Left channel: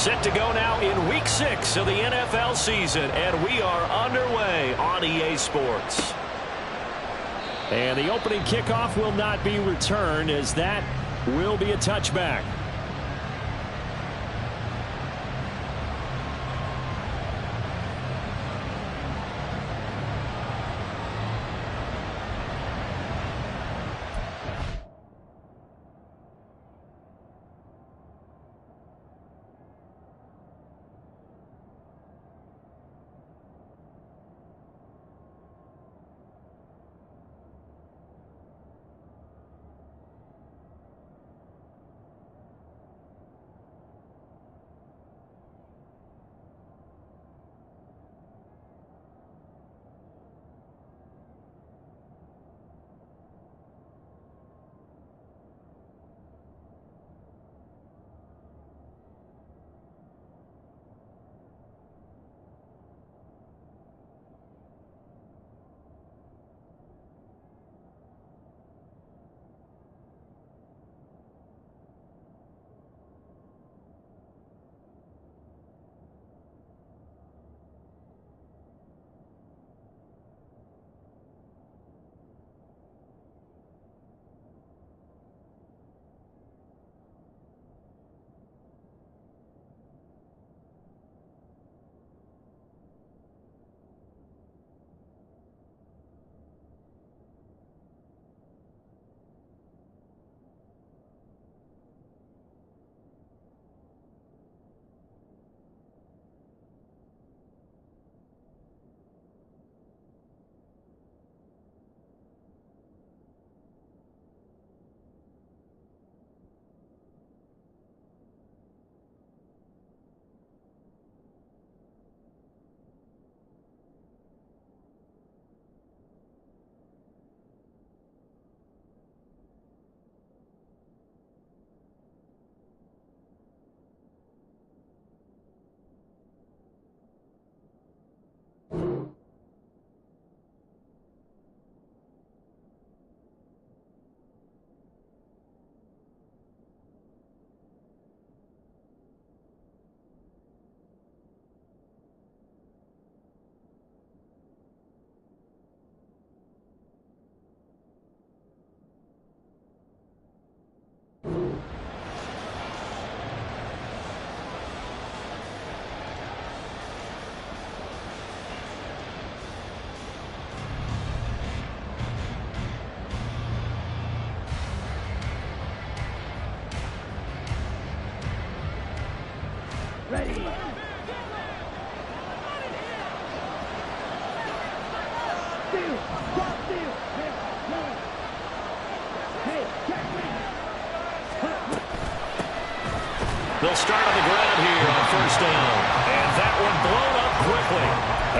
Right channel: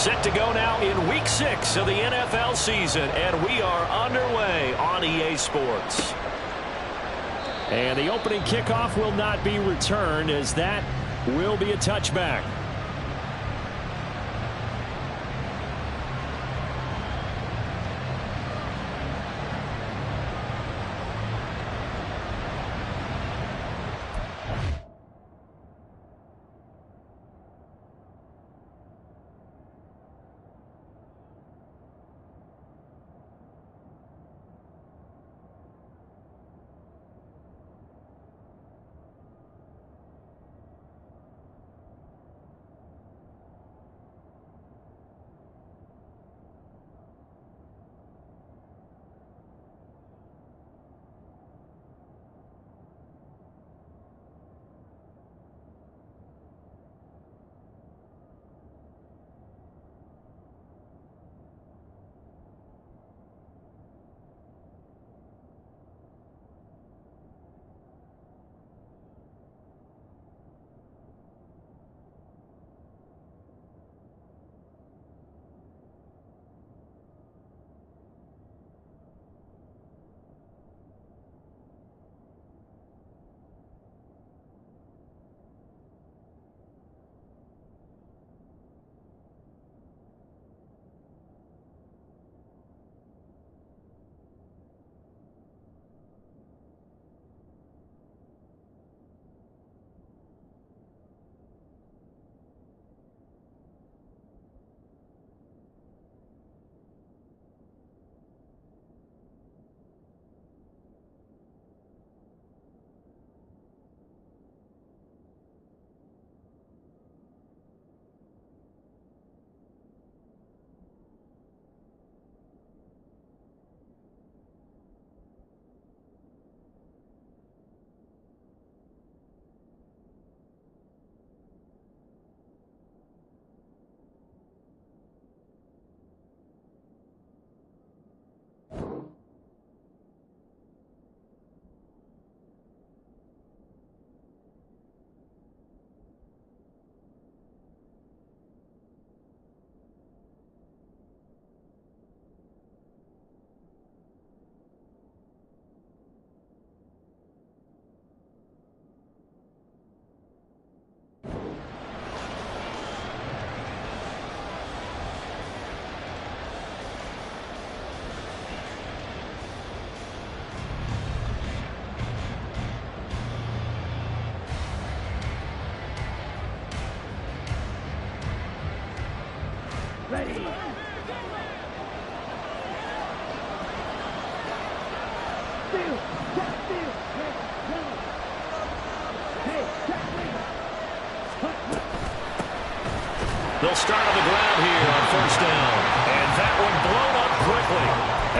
Set to go now in Week 6 of the NFL season, and we are underway on EA Sports. And the opening kickoff will not be returned, as that will be a touchback. Ready. Steal. Drop steal. Hey, yellow. Hey, check me. They'll start on the ground here on first down. And that one blown up quickly,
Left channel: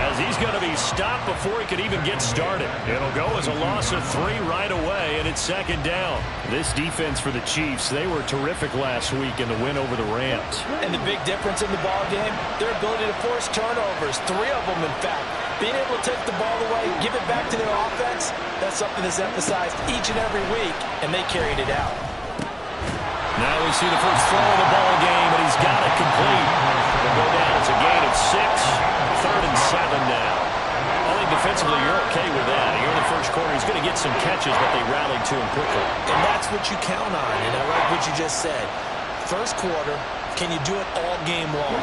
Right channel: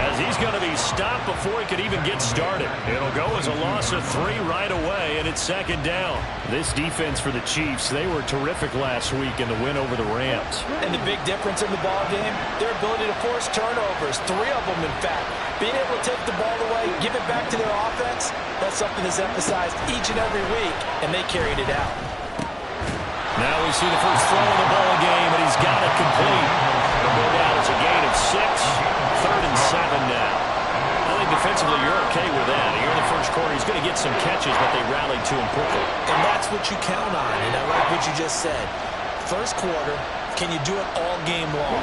as he's going to be stopped before he could even get started. It'll go as a loss of 3 right away, and it's second down. This defense for the Chiefs, they were terrific last week in the win over the Rams. And the big difference in the ball game, their ability to force turnovers, 3 of them in fact. Being able to take the ball away, give it back to their offense, that's something that's emphasized each and every week, and they carried it out. Now we see the first throw of the ball game, and he's got it complete. It'll go down as a gain of 6, 3rd and 7 now. I think defensively you're okay with that. Here in the first quarter, he's going to get some catches, but they rallied to him quickly. And that's what you count on, and I like what you just said. First quarter, can you do it all game long?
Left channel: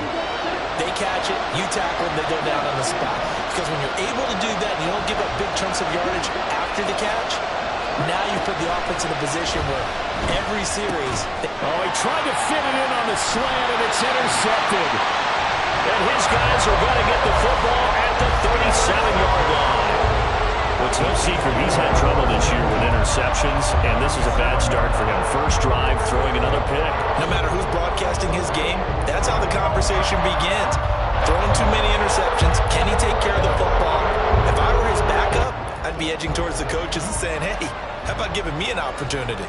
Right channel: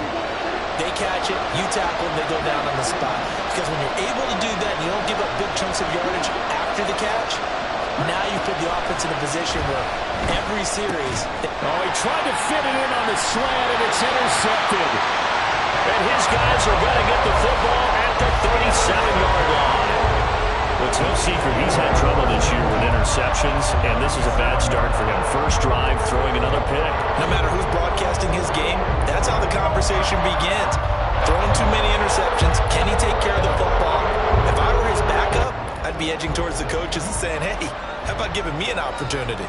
They catch it, you tackle them, they go down on the spot. Because when you're able to do that and you don't give up big chunks of yardage after the catch, now you put the offense in a position where every series... Oh, he tried to fit it in on the slant, and it's intercepted. And his guys are going to get the football at the 37-yard line. Well, it's no secret he's had trouble this year with interceptions, and this is a bad start for him. First drive, throwing another pick. No matter who's broadcasting his game, that's how the conversation begins. Throwing too many interceptions, can he take care of the football? If I were his backup, I'd be edging towards the coaches and saying, hey, how about giving me an opportunity?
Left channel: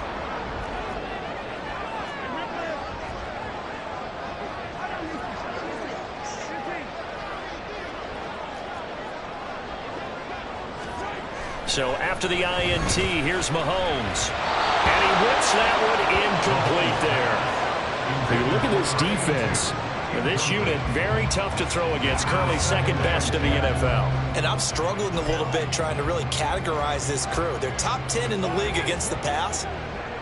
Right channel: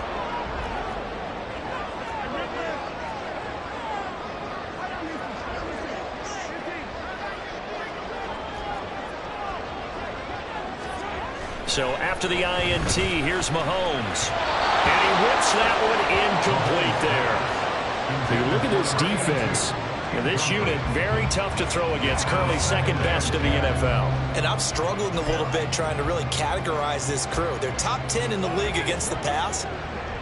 So after the INT, here's Mahomes. And he whips that one incomplete there. You look at this defense. This unit, very tough to throw against, currently second best in the NFL. And I'm struggling a little bit trying to really categorize this crew. They're top 10 in the league against the pass,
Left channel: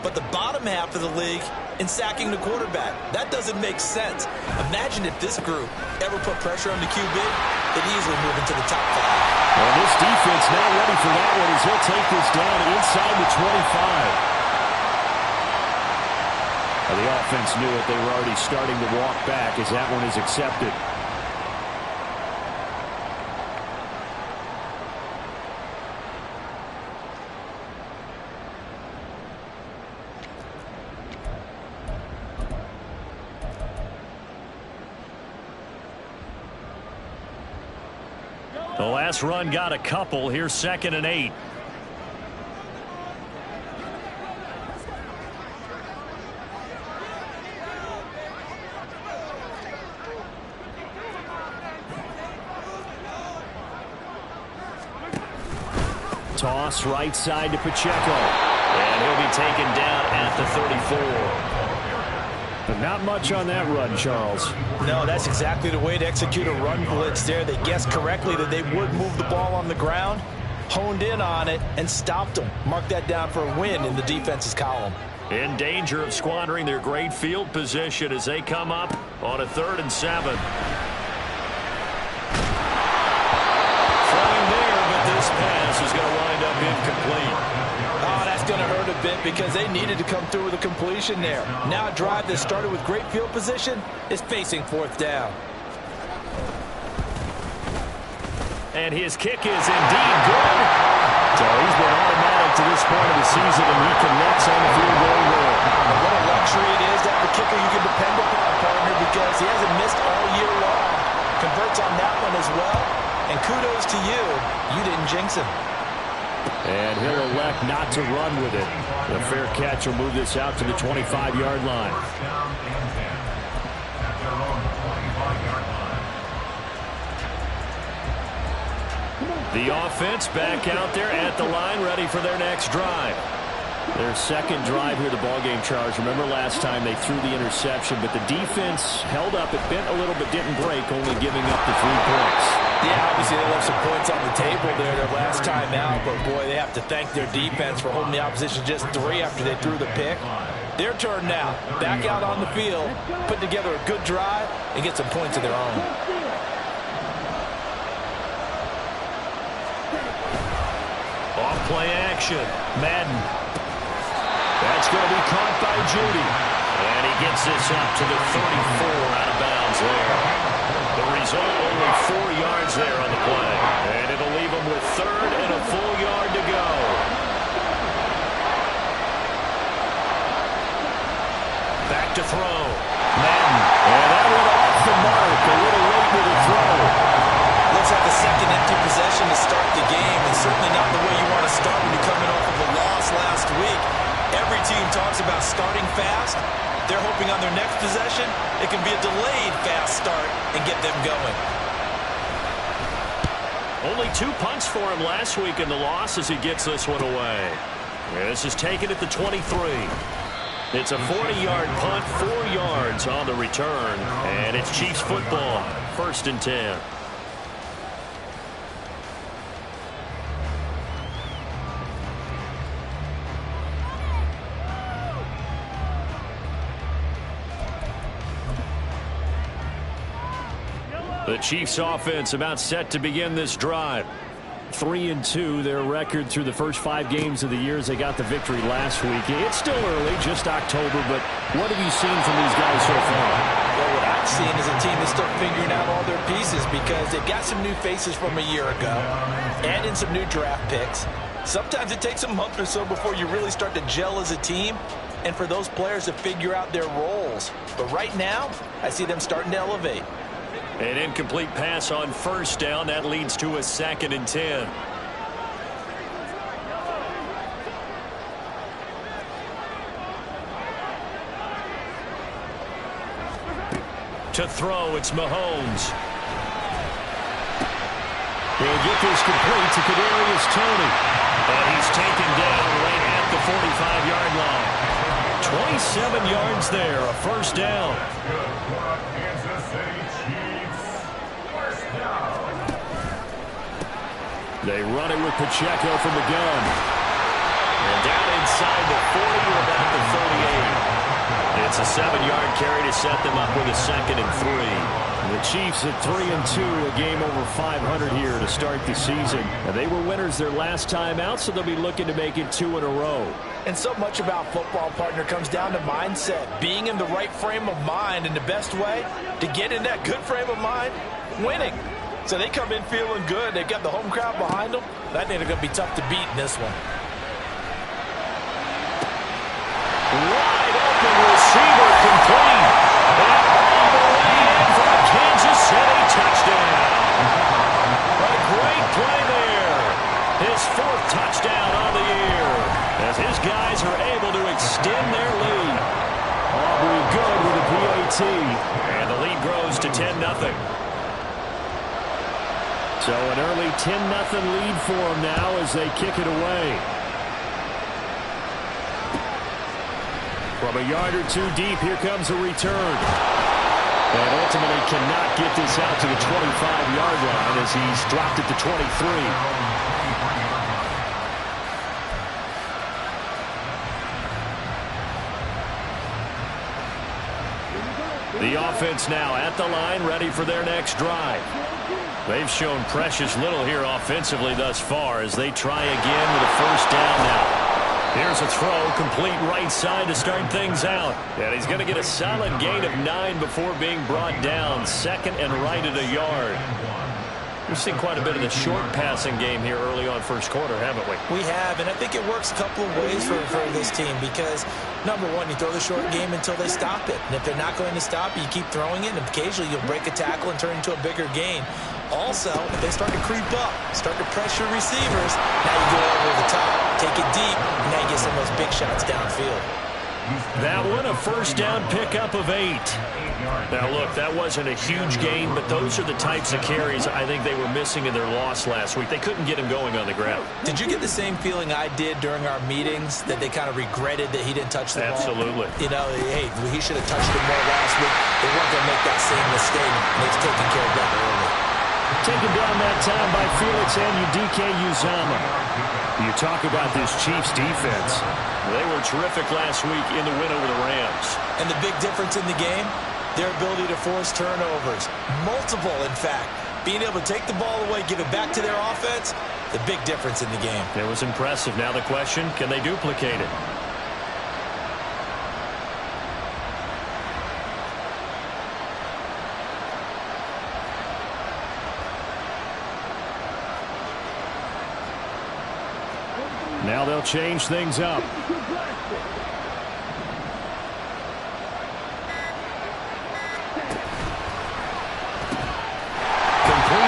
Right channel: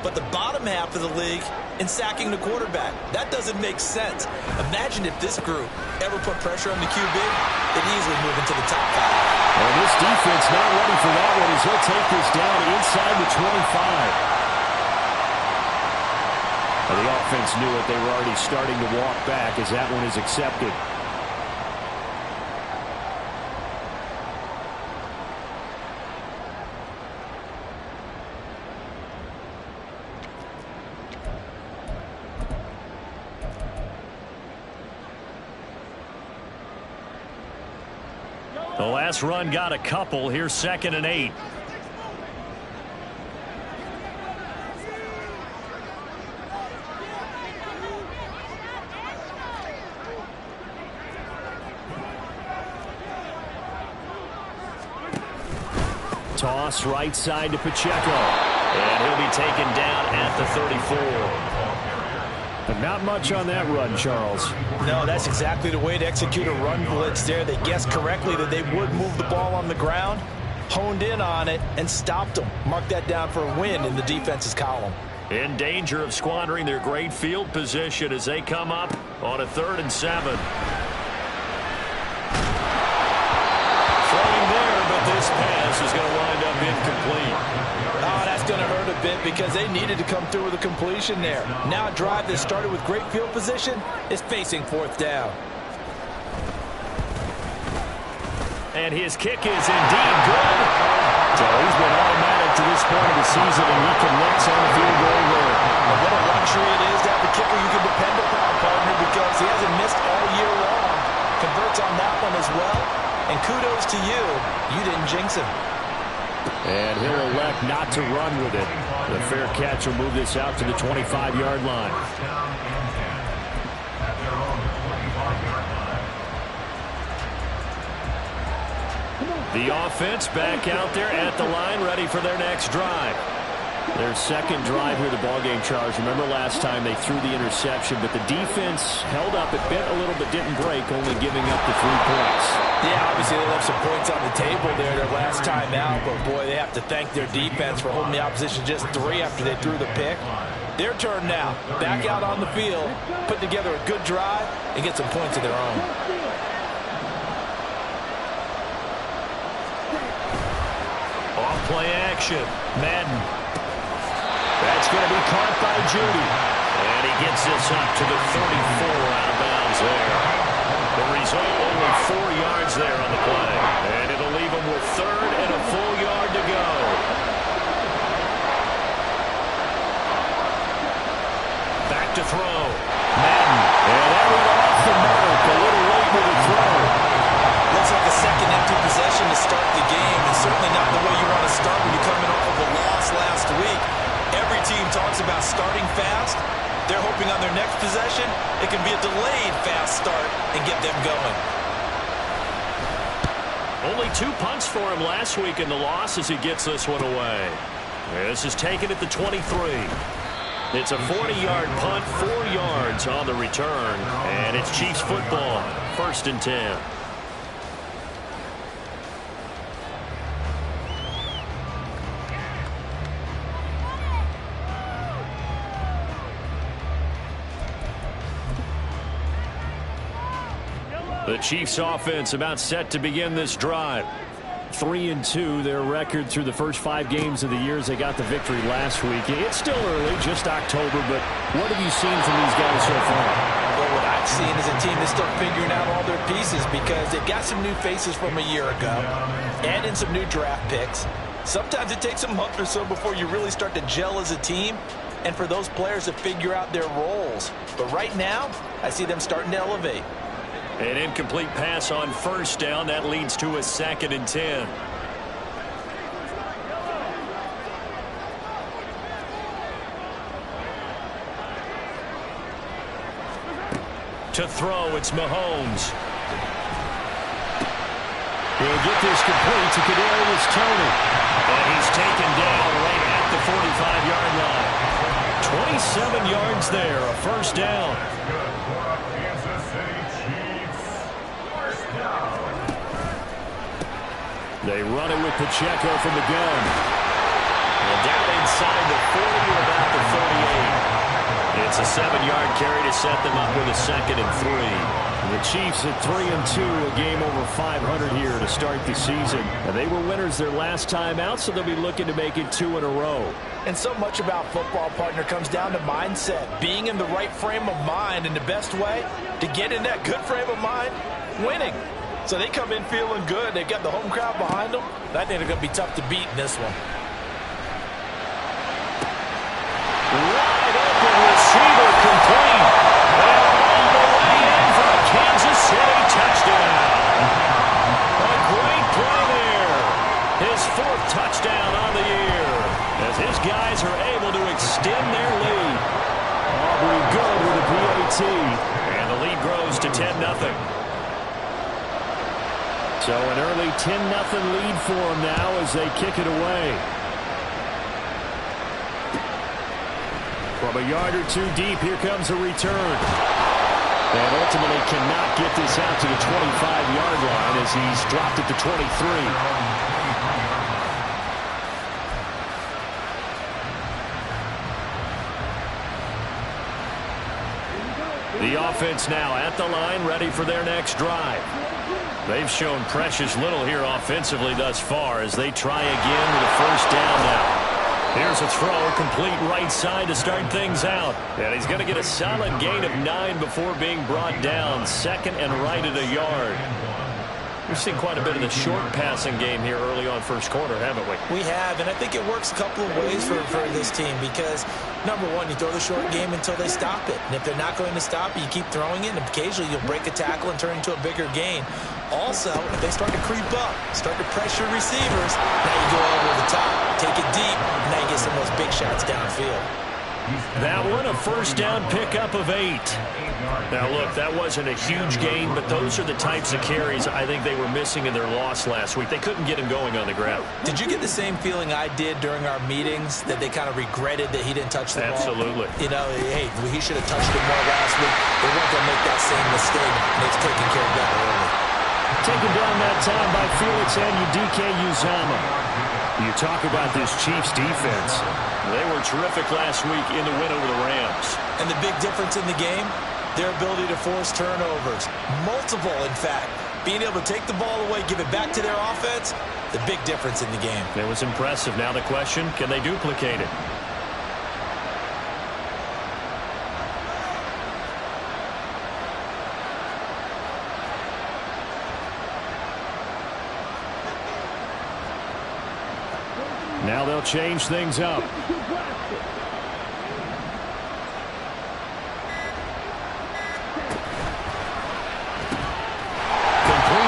but the bottom half of the league in sacking the quarterback. That doesn't make sense. Imagine if this group ever put pressure on the QB, they'd easily move into the top 5. And this defense not ready for that one as he'll take this down inside the 25. The offense knew it. They were already starting to walk back as that one is accepted. The last run got a couple. Here's 2nd and 8. Toss right side to Pacheco. And he'll be taken down at the 34. But not much on that run, Charles. No, that's exactly the way to execute a run blitz there. They guessed correctly that they would move the ball on the ground, honed in on it, and stopped them. Mark that down for a win in the defense's column. In danger of squandering their great field position as they come up on a 3rd and 7. Throwing there, but this pass is going to wind up incomplete. Oh, that's going to hurt a bit because they needed to come through with a completion there. Now a drive that started with great field position is facing 4th down. And his kick is indeed good. So he's been automatic to this point of the season, and he connects on the field goal there. And what a luxury it is to have a kicker you can depend upon, partner, because he hasn't missed all year long. Converts on that one as well. And kudos to you. You didn't jinx him. And he'll elect not to run with it. The fair catch will move this out to the 25-yard line. The offense back out there at the line, ready for their next drive. Their second drive here, the ballgame, Charles. Remember last time they threw the interception, but the defense held up. It bent a little but didn't break, only giving up the 3 points. Yeah, obviously they left some points on the table there their last time out, but boy, they have to thank their defense for holding the opposition just 3 after they threw the pick. Their turn now. Back out on the field, put together a good drive, and get some points of their own. Off play action. Madden. That's going to be caught by Judy. And he gets this up to the 34 out of bounds there. The result, only 4 yards there on the play. And it'll leave him with 3rd and a full yard to go. Back to throw. Madden. And that went off the mark. A little late with the throw. Looks like a second empty possession to start the game, and certainly not the way you want to start when you're coming off of a loss last week. Every team talks about starting fast. They're hoping on their next possession it can be a delayed fast start and get them going. Only 2 punts for him last week in the loss as he gets this one away. This is taken at the 23. It's a 40-yard punt, 4 yards on the return, and it's Chiefs football, 1st and 10. The Chiefs offense about set to begin this drive. 3-2, their record through the first 5 games of the year as they got the victory last week. It's still early, just October, but what have you seen from these guys so far? Well, what I've seen is a team that's still figuring out all their pieces because they've got some new faces from a year ago and in some new draft picks. Sometimes it takes a month or so before you really start to gel as a team and for those players to figure out their roles. But right now, I see them starting to elevate. An incomplete pass on 1st down. That leads to a 2nd and 10. To throw, it's Mahomes. He'll get this complete to Kadarius Toney. And he's taken down right at the 45-yard line. 27 yards there, a first down. They run it with Pacheco from the gun. And down inside the 40 or about the 38. It's a 7-yard carry to set them up with a 2nd and 3. The Chiefs at 3-2, a game over 500 here to start the season. And they were winners their last time out, so they'll be looking to make it 2 in a row. And so much about football, partner, comes down to mindset. Being in the right frame of mind, and the best way to get in that good frame of mind, winning. So they come in feeling good. They've got the home crowd behind them. I think they're going to be tough to beat in this one. Wide open receiver complete. And all the way in for a Kansas City touchdown. A great play there. His 4th touchdown on the year as his guys are able to extend their lead. Aubrey good with a PAT. And the lead grows to 10-0. So an early 10-0 lead for them now as they kick it away. From a yard or 2 deep, here comes a return. And ultimately cannot get this out to the 25-yard line as he's dropped at the 23. The offense now at the line, ready for their next drive. They've shown precious little here offensively thus far as they try again with a first down now. Here's a throw, complete right side to start things out. And he's going to get a solid gain of 9 before being brought down. 2nd and right at a yard. We've seen quite a bit of the short passing game here early on first quarter, haven't we? We have, and I think it works a couple of ways for this team because, number one, you throw the short game until they stop it. And if they're not going to stop it, you keep throwing it, and occasionally you'll break a tackle and turn it into a bigger gain. Also, if they start to creep up, start to pressure receivers, now you go over the top, take it deep, and now you get some of those big shots downfield. That one, a first down pickup of 8. Now, look, that wasn't a huge gain, but those are the types of carries I think they were missing in their loss last week. They couldn't get him going on the ground. Did you get the same feeling I did during our meetings, that they kind of regretted that he didn't touch the ball? Absolutely. You know, hey, he should have touched it more last week. They weren't going to make that same mistake. They've taken care of that early. Taken down that time by Felix Anudike-Uzomah. You talk about this Chiefs defense. They were terrific last week in the win over the Rams. And the big difference in the game, their ability to force turnovers. Multiple, in fact. Being able to take the ball away, give it back to their offense, the big difference in the game. It was impressive. Now the question, can they duplicate it? Now they'll change things up. Complete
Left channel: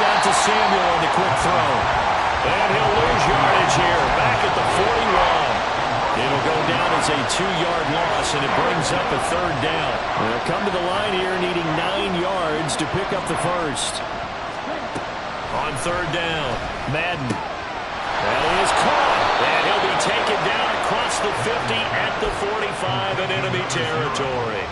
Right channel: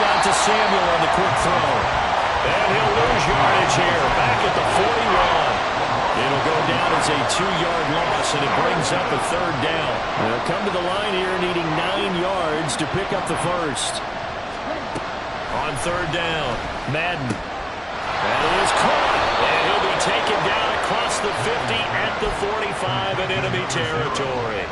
out to Samuel on the quick throw. And he'll lose yardage here. Back at the 41. It'll go down as a 2-yard loss, and it brings up a 3rd down. They'll come to the line here needing 9 yards to pick up the first. On 3rd down, Madden. That is caught, and he'll be taken down across the 50 at the 45 in enemy territory.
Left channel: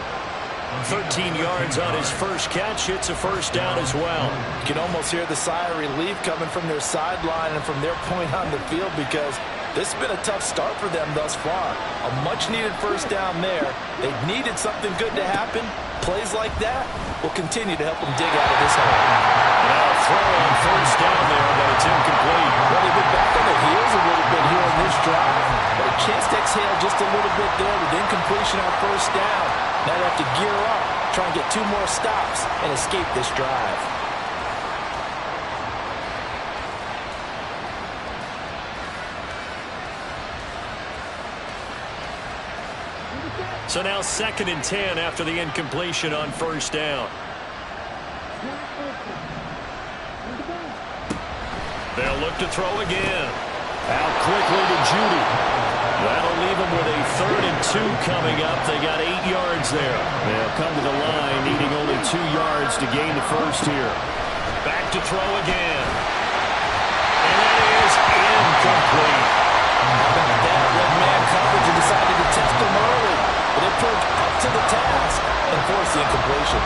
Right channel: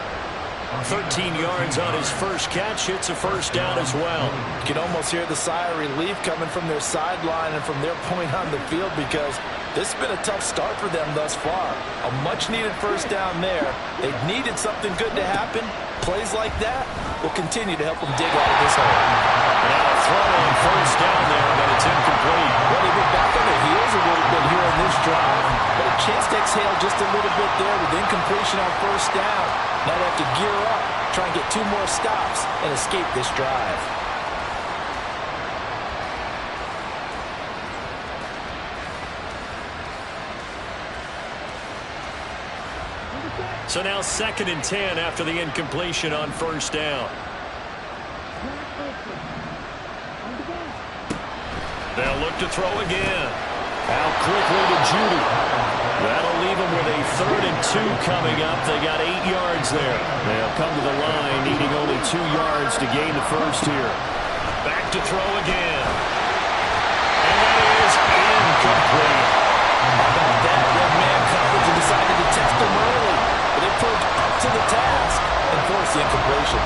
13 yards on his first catch. Hits a first down as well. You can almost hear the sigh of relief coming from their sideline and from their point on the field because this has been a tough start for them thus far. A much-needed first down there. They needed something good to happen. Plays like that will continue to help them dig out of this hole. Now a throw on first down there, but it's incomplete. Well, they've been back on their heels a little bit here on this drive, but a chance to exhale just a little bit there with incompletion on first down. Now they have to gear up, try and get 2 more stops, and escape this drive. So now 2nd and 10 after the incompletion on first down. They'll look to throw again. Out quickly to Judy. That'll leave them with a 3rd and 2 coming up. They got 8 yards there. They'll come to the line needing only 2 yards to gain the first here. Back to throw again. And that is incomplete. How about that? Red man coverage in the decided to test him early, but it proved up to the task and forced the incompletion.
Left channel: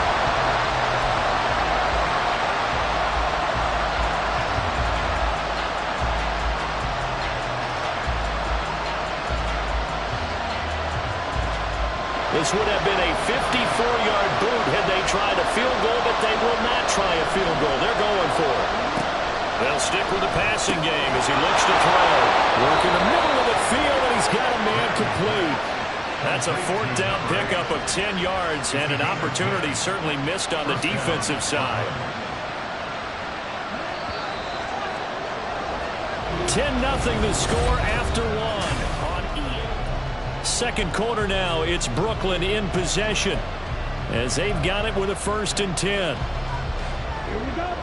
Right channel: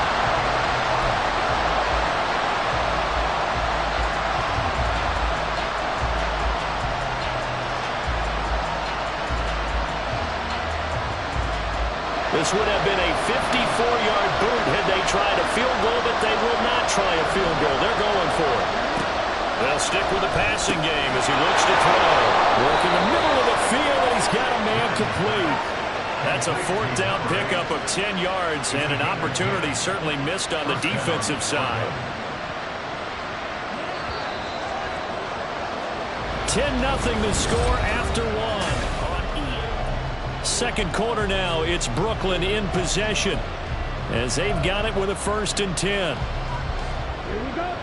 This would have been a 54-yard boot had they tried a field goal, but they will not try a field goal. They're going for it. They'll stick with the passing game as he looks to throw. Work in the middle of the field, and he's got a man complete. That's a fourth down pickup of 10 yards, and an opportunity certainly missed on the defensive side. 10-0 the score after one on E. Second quarter now, it's Brooklyn in possession as they've got it with a 1st and 10. Here we go.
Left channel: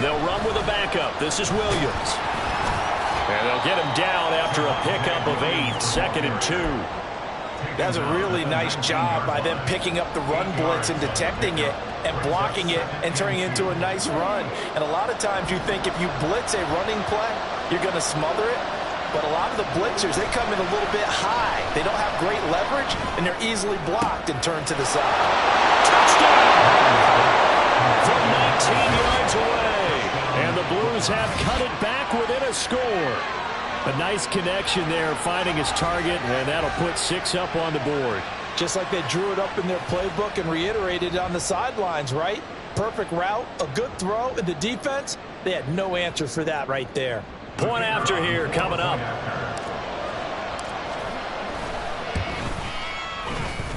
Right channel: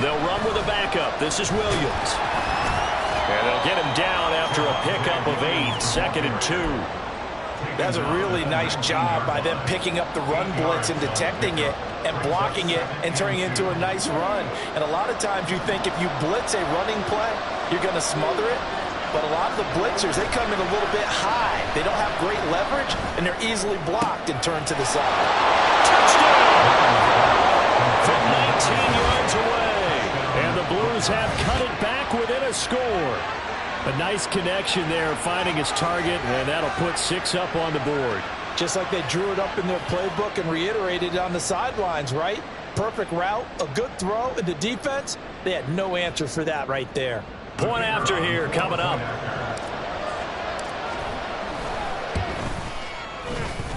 They'll run with a backup. This is Williams. And they'll get him down after a pickup of 8, 2nd and 2. That's a really nice job by them picking up the run blitz and detecting it and blocking it and turning it into a nice run. And a lot of times you think if you blitz a running play, you're going to smother it. But a lot of the blitzers, they come in a little bit high. They don't have great leverage, and they're easily blocked and turned to the side. Touchdown! From 19 yards away. And the Blues have cut it back within a score. A nice connection there, finding his target, and that'll put 6 up on the board. Just like they drew it up in their playbook and reiterated it on the sidelines, right? Perfect route, a good throw, and the defense, they had no answer for that right there. Point after here coming up.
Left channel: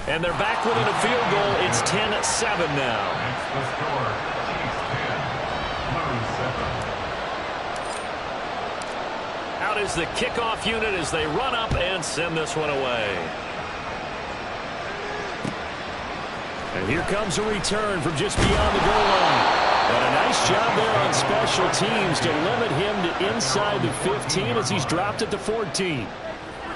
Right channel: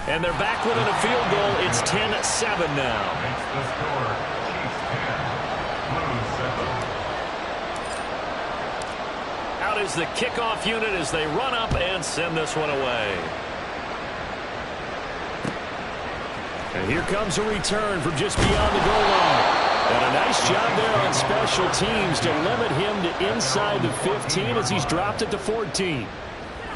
And they're back within a field goal. It's 10-7 now. Makes the score. Chiefs 10, Blues 7. Out is the kickoff unit as they run up and send this one away. And here comes a return from just beyond the goal line. And a nice job there on special teams to limit him to inside the 15 as he's dropped it to 14.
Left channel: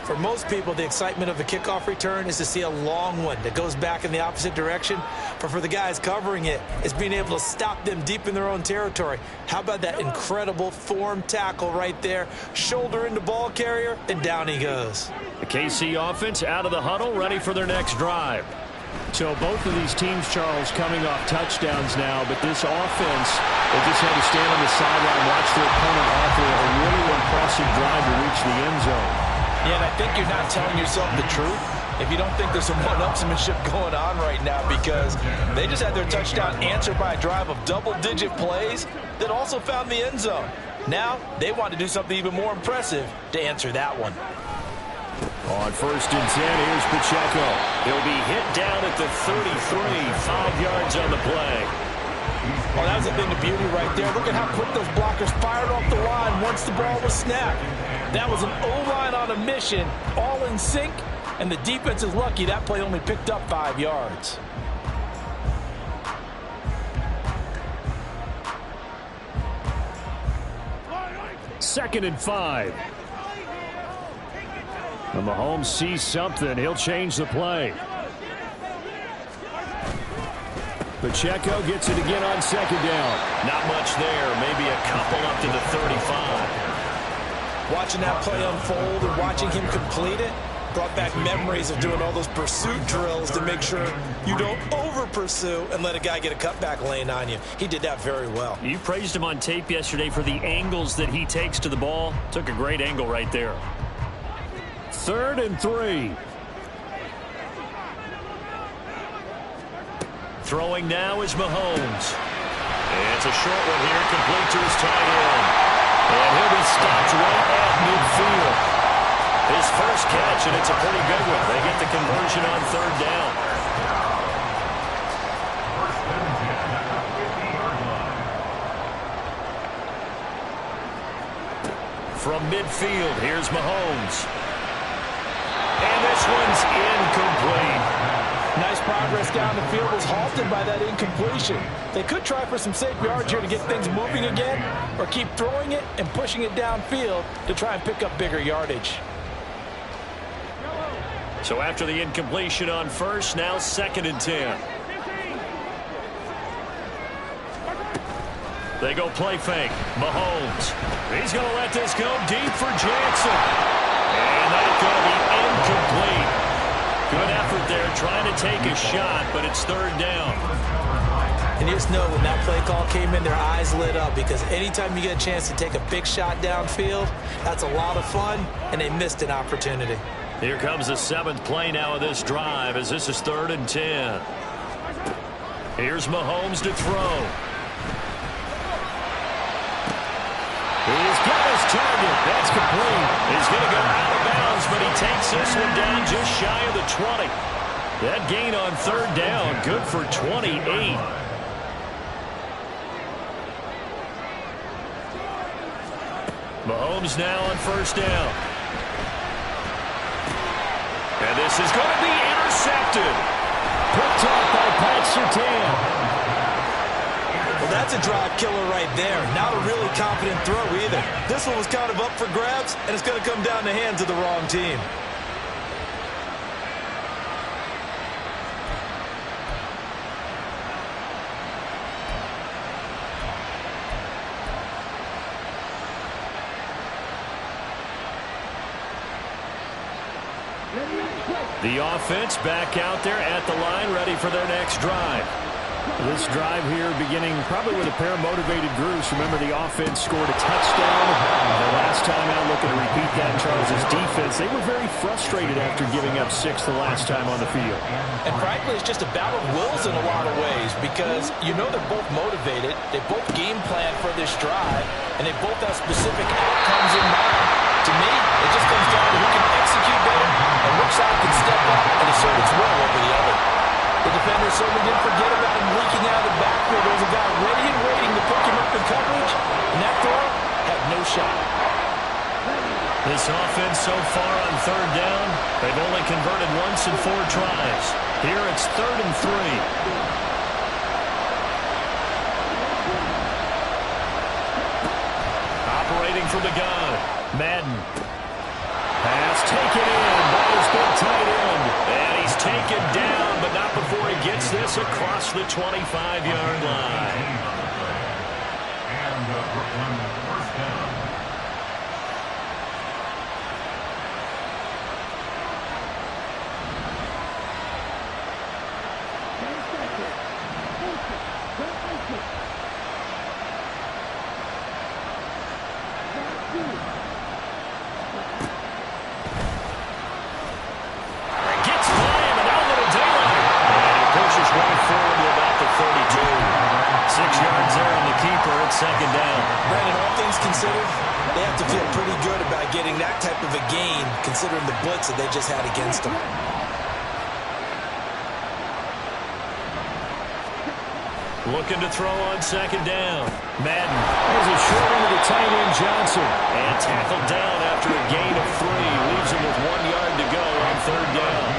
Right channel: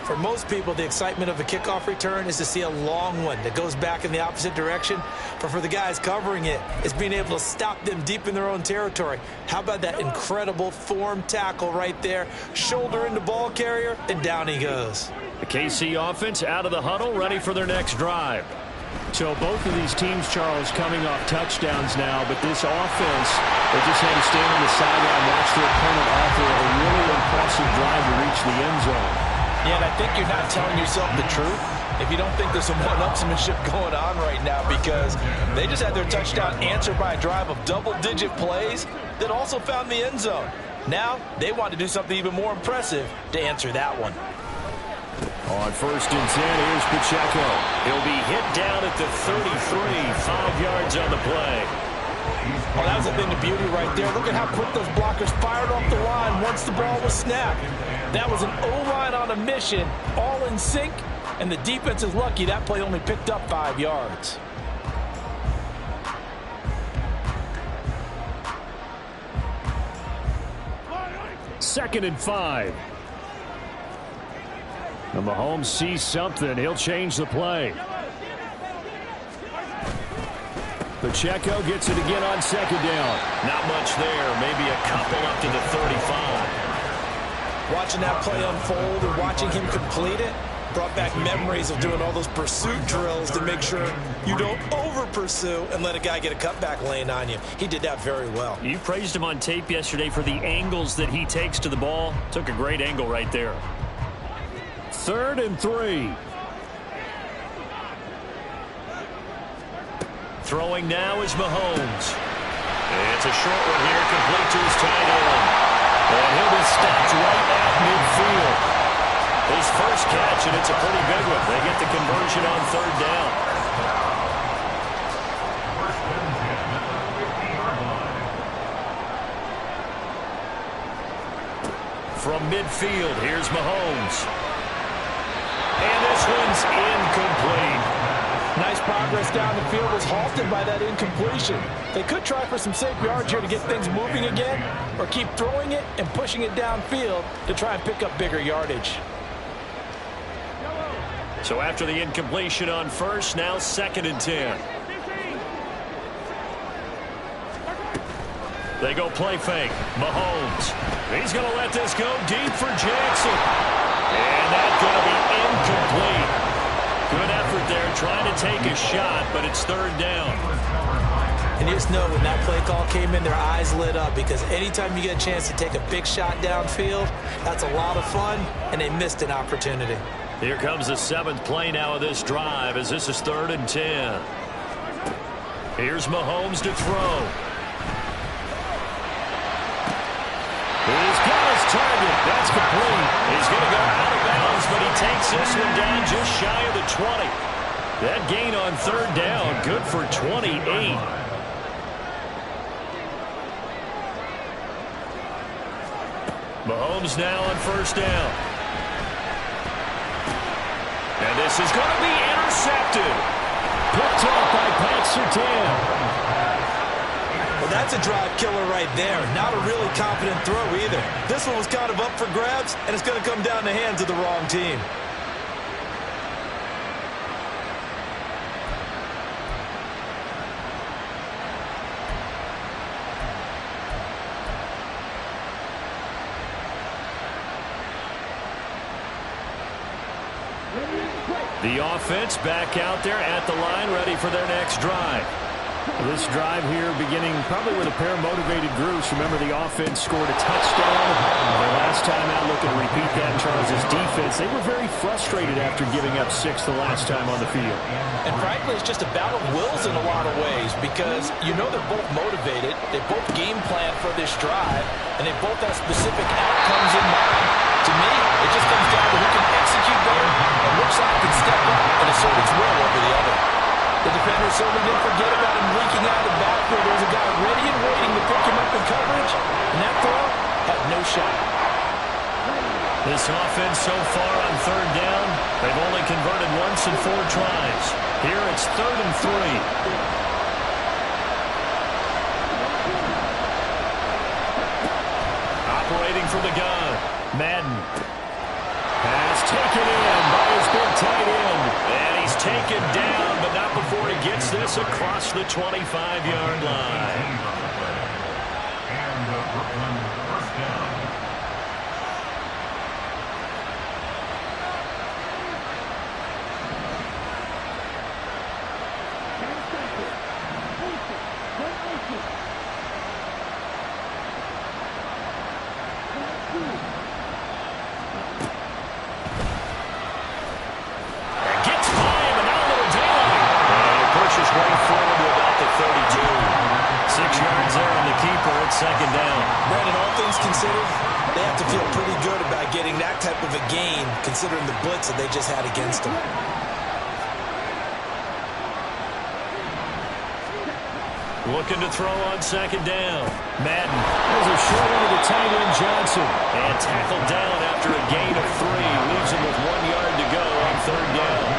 For most people, the excitement of a kickoff return is to see a long one that goes back in the opposite direction. But for the guys covering it, it's being able to stop them deep in their own territory. How about that incredible form tackle right there? Shoulder into ball carrier, and down he goes. The KC offense out of the huddle, ready for their next drive. So both of these teams, Charles, coming off touchdowns now, but this offense, they just had to stand on the sideline, watch their opponent offer a really impressive drive to reach the end zone. Yeah, and I think you're not telling yourself the truth if you don't think there's some one-upsmanship going on right now, because they just had their touchdown answered by a drive of double-digit plays that also found the end zone. Now they want to do something even more impressive to answer that one. On 1st and 10, here's Pacheco. He'll be hit down at the 33, 5 yards on the play. Oh, that was a thing of beauty right there. Look at how quick those blockers fired off the line once the ball was snapped. That was an O-line on a mission, all in sync, and the defense is lucky that play only picked up 5 yards. Second and 5. And Mahomes sees something. He'll change the play. Pacheco gets it again on 2nd down. Not much there. Maybe a couple up to the 35. Watching that play unfold and watching him complete it brought back memories of doing all those pursuit drills to make sure you don't over-pursue and let a guy get a cutback lane on you. He did that very well. You praised him on tape yesterday for the angles that he takes to the ball. Took a great angle right there. 3rd and 3. Throwing now is Mahomes. It's a short one here, complete to his tight end. And he'll be stopped right at midfield. His first catch, and it's a pretty big one. They get the conversion on 3rd down. 1st and 10 at the 50-yard line. From midfield, here's Mahomes. And this one's incomplete. Nice progress down the field, was halted by that incompletion. They could try for some safe yards here to get things moving again, or keep throwing it and pushing it downfield to try and pick up bigger yardage. So after the incompletion on 1st, now 2nd and 10. They go play fake. Mahomes. He's going to let this go deep for Jackson. And that's going to be incomplete. Good effort there trying to take a shot, but it's third down. And you just know when that play call came in, their eyes lit up because anytime you get a chance to take a big shot downfield, that's a lot of fun, and they missed an opportunity. Here comes the 7th play now of this drive as this is 3rd and 10. Here's Mahomes to throw. He's got his target. That's complete. He's going to go out of bounds, but he takes this one down just shy of the 20. That gain on 3rd down, good for 28. Mahomes now on 1st down. And this is going to be intercepted. Picked off by Pat Surtain. Well, that's a drive killer right there. Not a really confident throw either. This one was kind of up for grabs, and it's going to come down the hands of the wrong team. The offense back out there at the line, ready for their next drive. This drive here beginning probably with a pair of motivated groups. Remember, the offense scored a touchdown their last time out, looking to repeat that in Charles' defense. They were very frustrated after giving up 6 the last time on the field. And frankly, it's just a battle of wills in a lot of ways because you know they're both motivated. They both game plan for this drive, and they both have specific outcomes in mind. To me, it just comes down to who can execute better and which side can step up and assert its will over the other. The defender certainly didn't forget about him leaking out of the backfield. There was a guy ready and waiting to pick him up in coverage, and that throw had no shot. This offense so far on 3rd down, they've only converted once in 4 tries. Here it's 3rd and 3. Operating from the gun, Madden. Pass taken in by his big tight end. And he's taken down, but not before he gets this across the 25-yard line. And Brooklyn 1st down. Gets by him, and now a little daylight. And he pushes right forward to about the 32. 6 yards there on the keeper at 2nd down. Brandon, all things considered, they have to feel pretty good about getting that type of a gain considering the blitz that they just had against them. Looking to throw on 2nd down. Madden has a short end of the tight end Johnson. And tackled down after a gain of 3. Leaves him with 1 yard to go on 3rd down.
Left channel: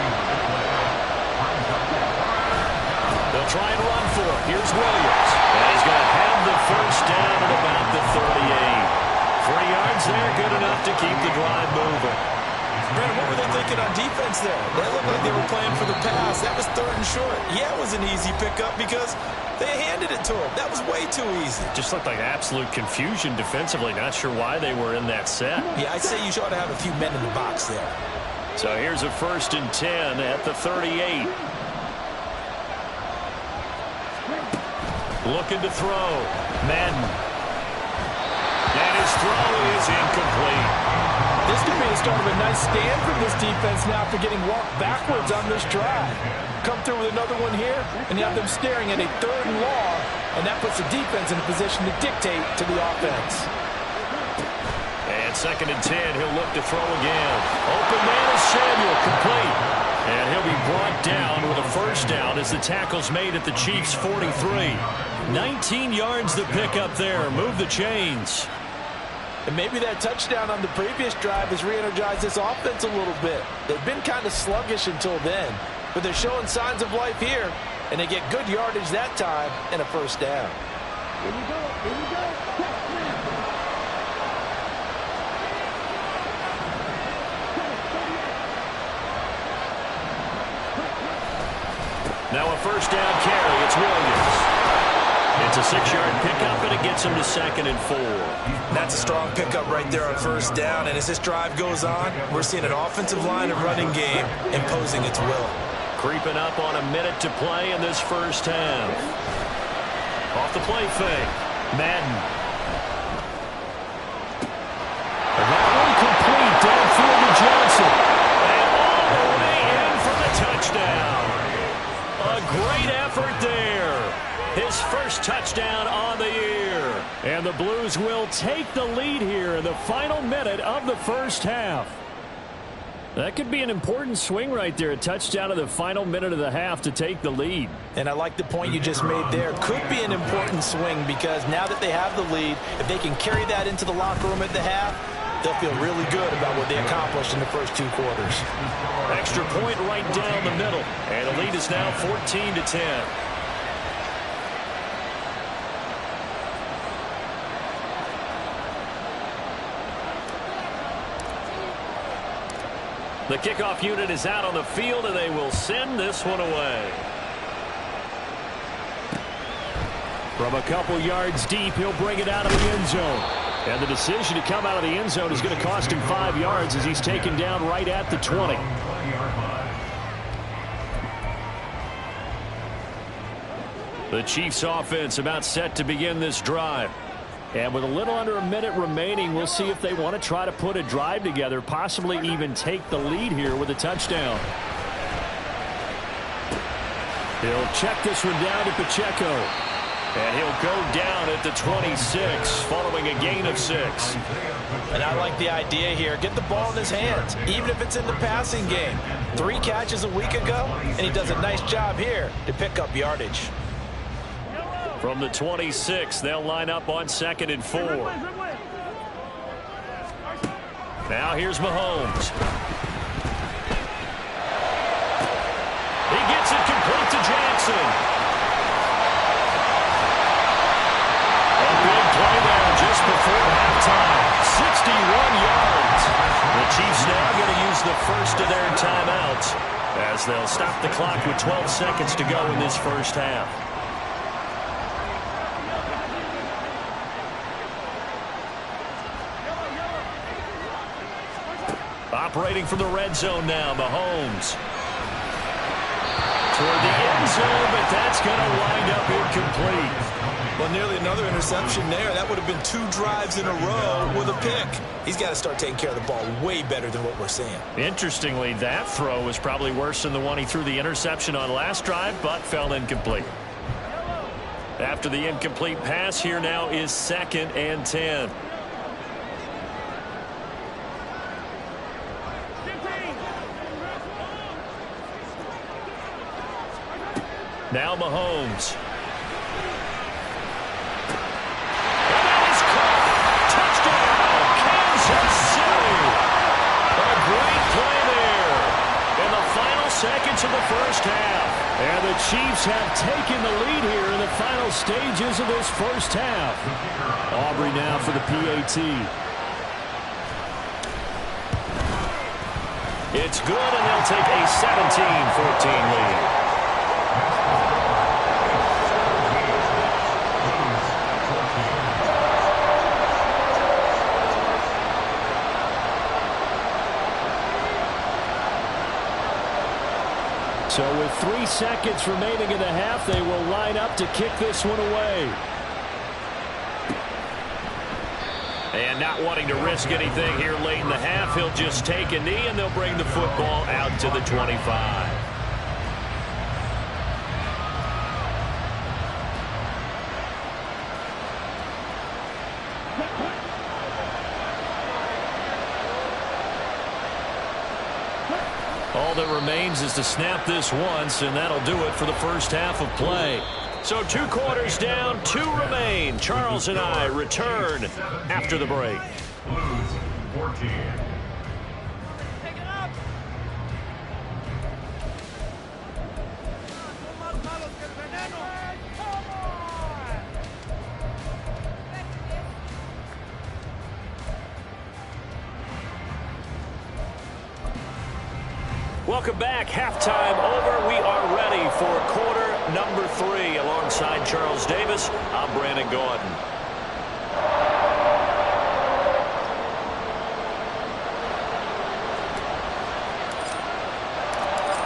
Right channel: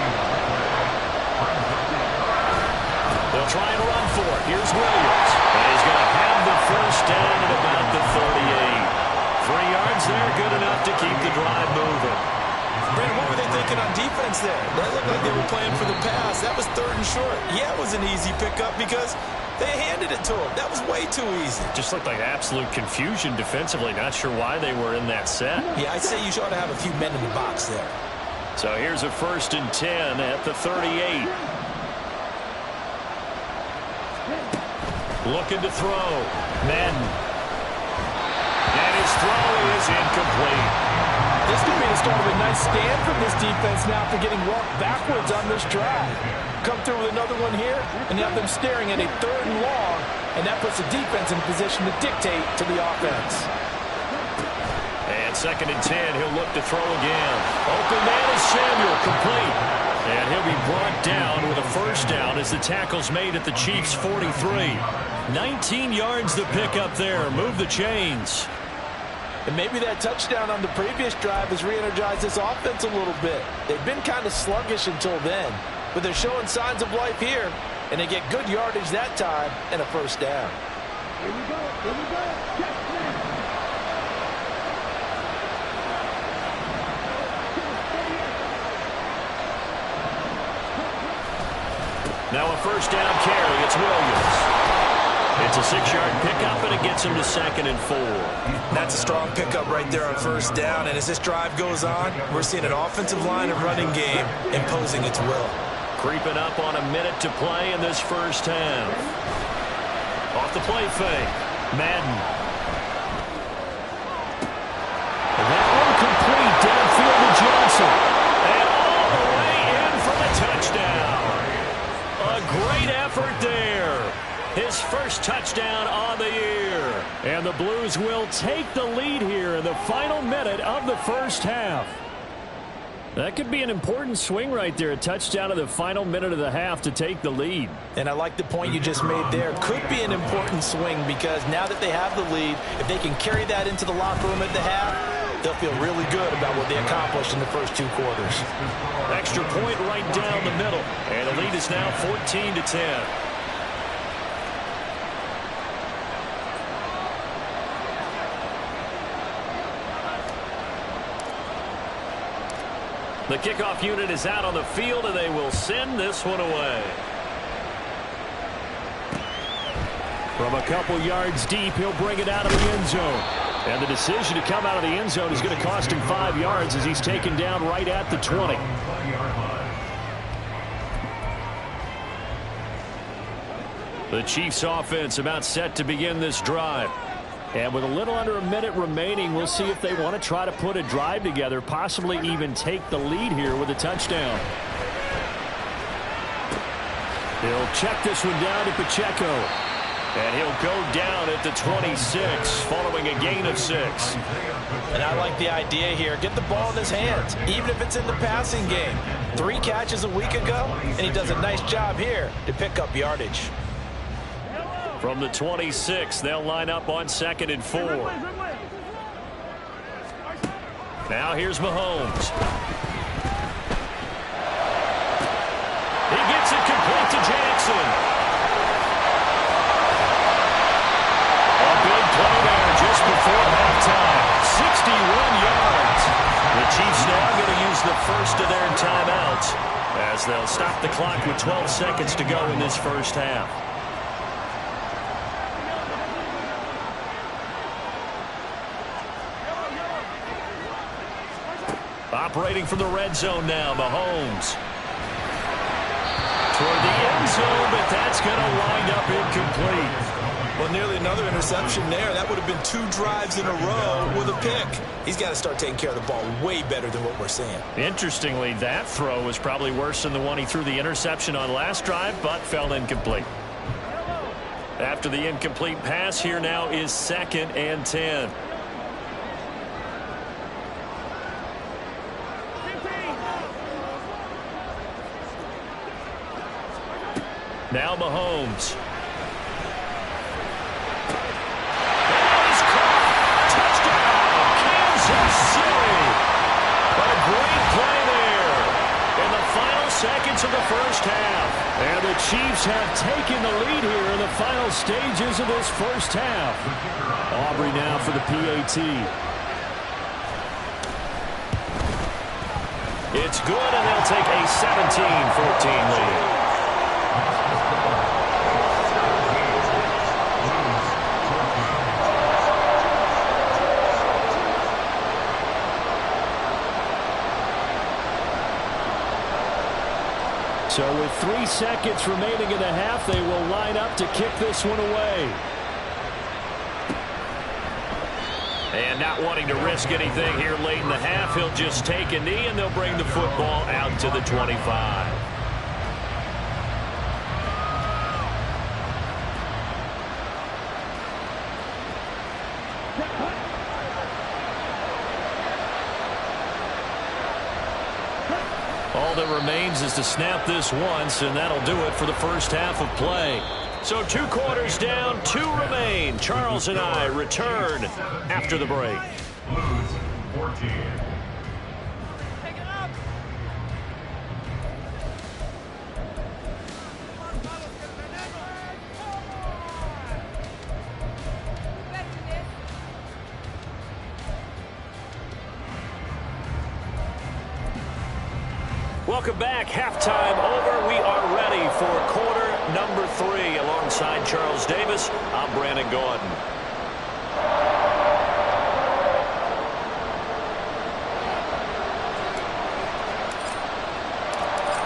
They'll try and run for it. Here's Williams. And he's going to have the 1st down at about the 38. 3 yards there, good enough to keep the drive moving. Brandon, what were they thinking on defense there? That looked like they were playing for the pass. That was 3rd and short. Yeah, it was an easy pickup because they handed it to him. That was way too easy. Just looked like absolute confusion defensively. Not sure why they were in that set. Yeah, I'd say you ought to have a few men in the box there. So here's a 1st and 10 at the 38. Looking to throw. Madden. And his throw is incomplete. This could be the start of a nice stand from this defense now after getting walked backwards on this drive. Come through with another one here, and you have them staring at a 3rd and long, and that puts the defense in a position to dictate to the offense. And 2nd and 10, he'll look to throw again. Open man is Samuel, complete. And he'll be brought down with a 1st down as the tackle's made at the Chiefs' 43. 19 yards to pick up there. Move the chains. And maybe that touchdown on the previous drive has re-energized this offense a little bit. They've been kind of sluggish until then, but they're showing signs of life here, and they get good yardage that time and a 1st down. Here we go. Here we go. Check now. Now a 1st down carry. It's Williams. It's a 6-yard pickup, and it gets him to 2nd and 4. That's a strong pickup right there on first down. And as this drive goes on, we're seeing an offensive line and running game imposing its will. Creeping up on a minute to play in this first half. Off the play fake. Madden. And that one complete downfield to Johnson. And all the way in for the touchdown. A great effort there. His first touchdown on the year. And the Blues will take the lead here in the final minute of the first half. That could be an important swing right there. A touchdown in the final minute of the half to take the lead. And I like the point you just made there. Could be an important swing because now that they have the lead, if they can carry that into the locker room at the half, they'll feel really good about what they accomplished in the first 2 quarters. Extra point right down the middle. And the lead is now 14-10. The kickoff unit is out on the field, and they will send this one away. From a couple yards deep, he'll bring it out of the end zone. And the decision to come out of the end zone is going to cost him 5 yards as he's taken down right at the 20. The Chiefs offense about set to begin this drive. And with a little under a minute remaining, we'll see if they want to try to put a drive together, possibly even take the lead here with a touchdown. He'll check this one down to Pacheco. And he'll go down at the 26 following a gain of 6. And I like the idea here. Get the ball in his hands, even if it's in the passing game. 3 catches a week ago, and he does a nice job here to pick up yardage. From the 26, they'll line up on 2nd and 4. Now here's Mahomes. He gets it complete to Jackson. A big play there just before halftime. 61 yards. The Chiefs now going to use the first of their timeouts as they'll stop the clock with 12 seconds to go in this first half. Operating from the red zone now, Mahomes. Toward the end zone, but that's going to wind up incomplete. Well, nearly another interception there. That would have been 2 drives in a row with a pick. He's got to start taking care of the ball way better than what we're seeing. Interestingly, that throw was probably worse than the one he threw the interception on last drive, but fell incomplete. After the incomplete pass, here now is 2nd and 10. Now Mahomes. And that is caught. Touchdown, Kansas City. A great play there in the final seconds of the first half. And the Chiefs have taken the lead here in the final stages of this first half. Aubrey now for the PAT. It's good, and they'll take a 17-14 lead. So with 3 seconds remaining in the half, they will line up to kick this one away. And not wanting to risk anything here late in the half, he'll just take a knee, and they'll bring the football out to the 25. All that remains is to snap this once, and that'll do it for the first half of play. So 2 quarters down, 2 remain. Charles and I return after the break. Blues 14. Welcome back. Halftime over. We are ready for quarter number 3. Alongside Charles Davis, I'm Brandon Gaudin.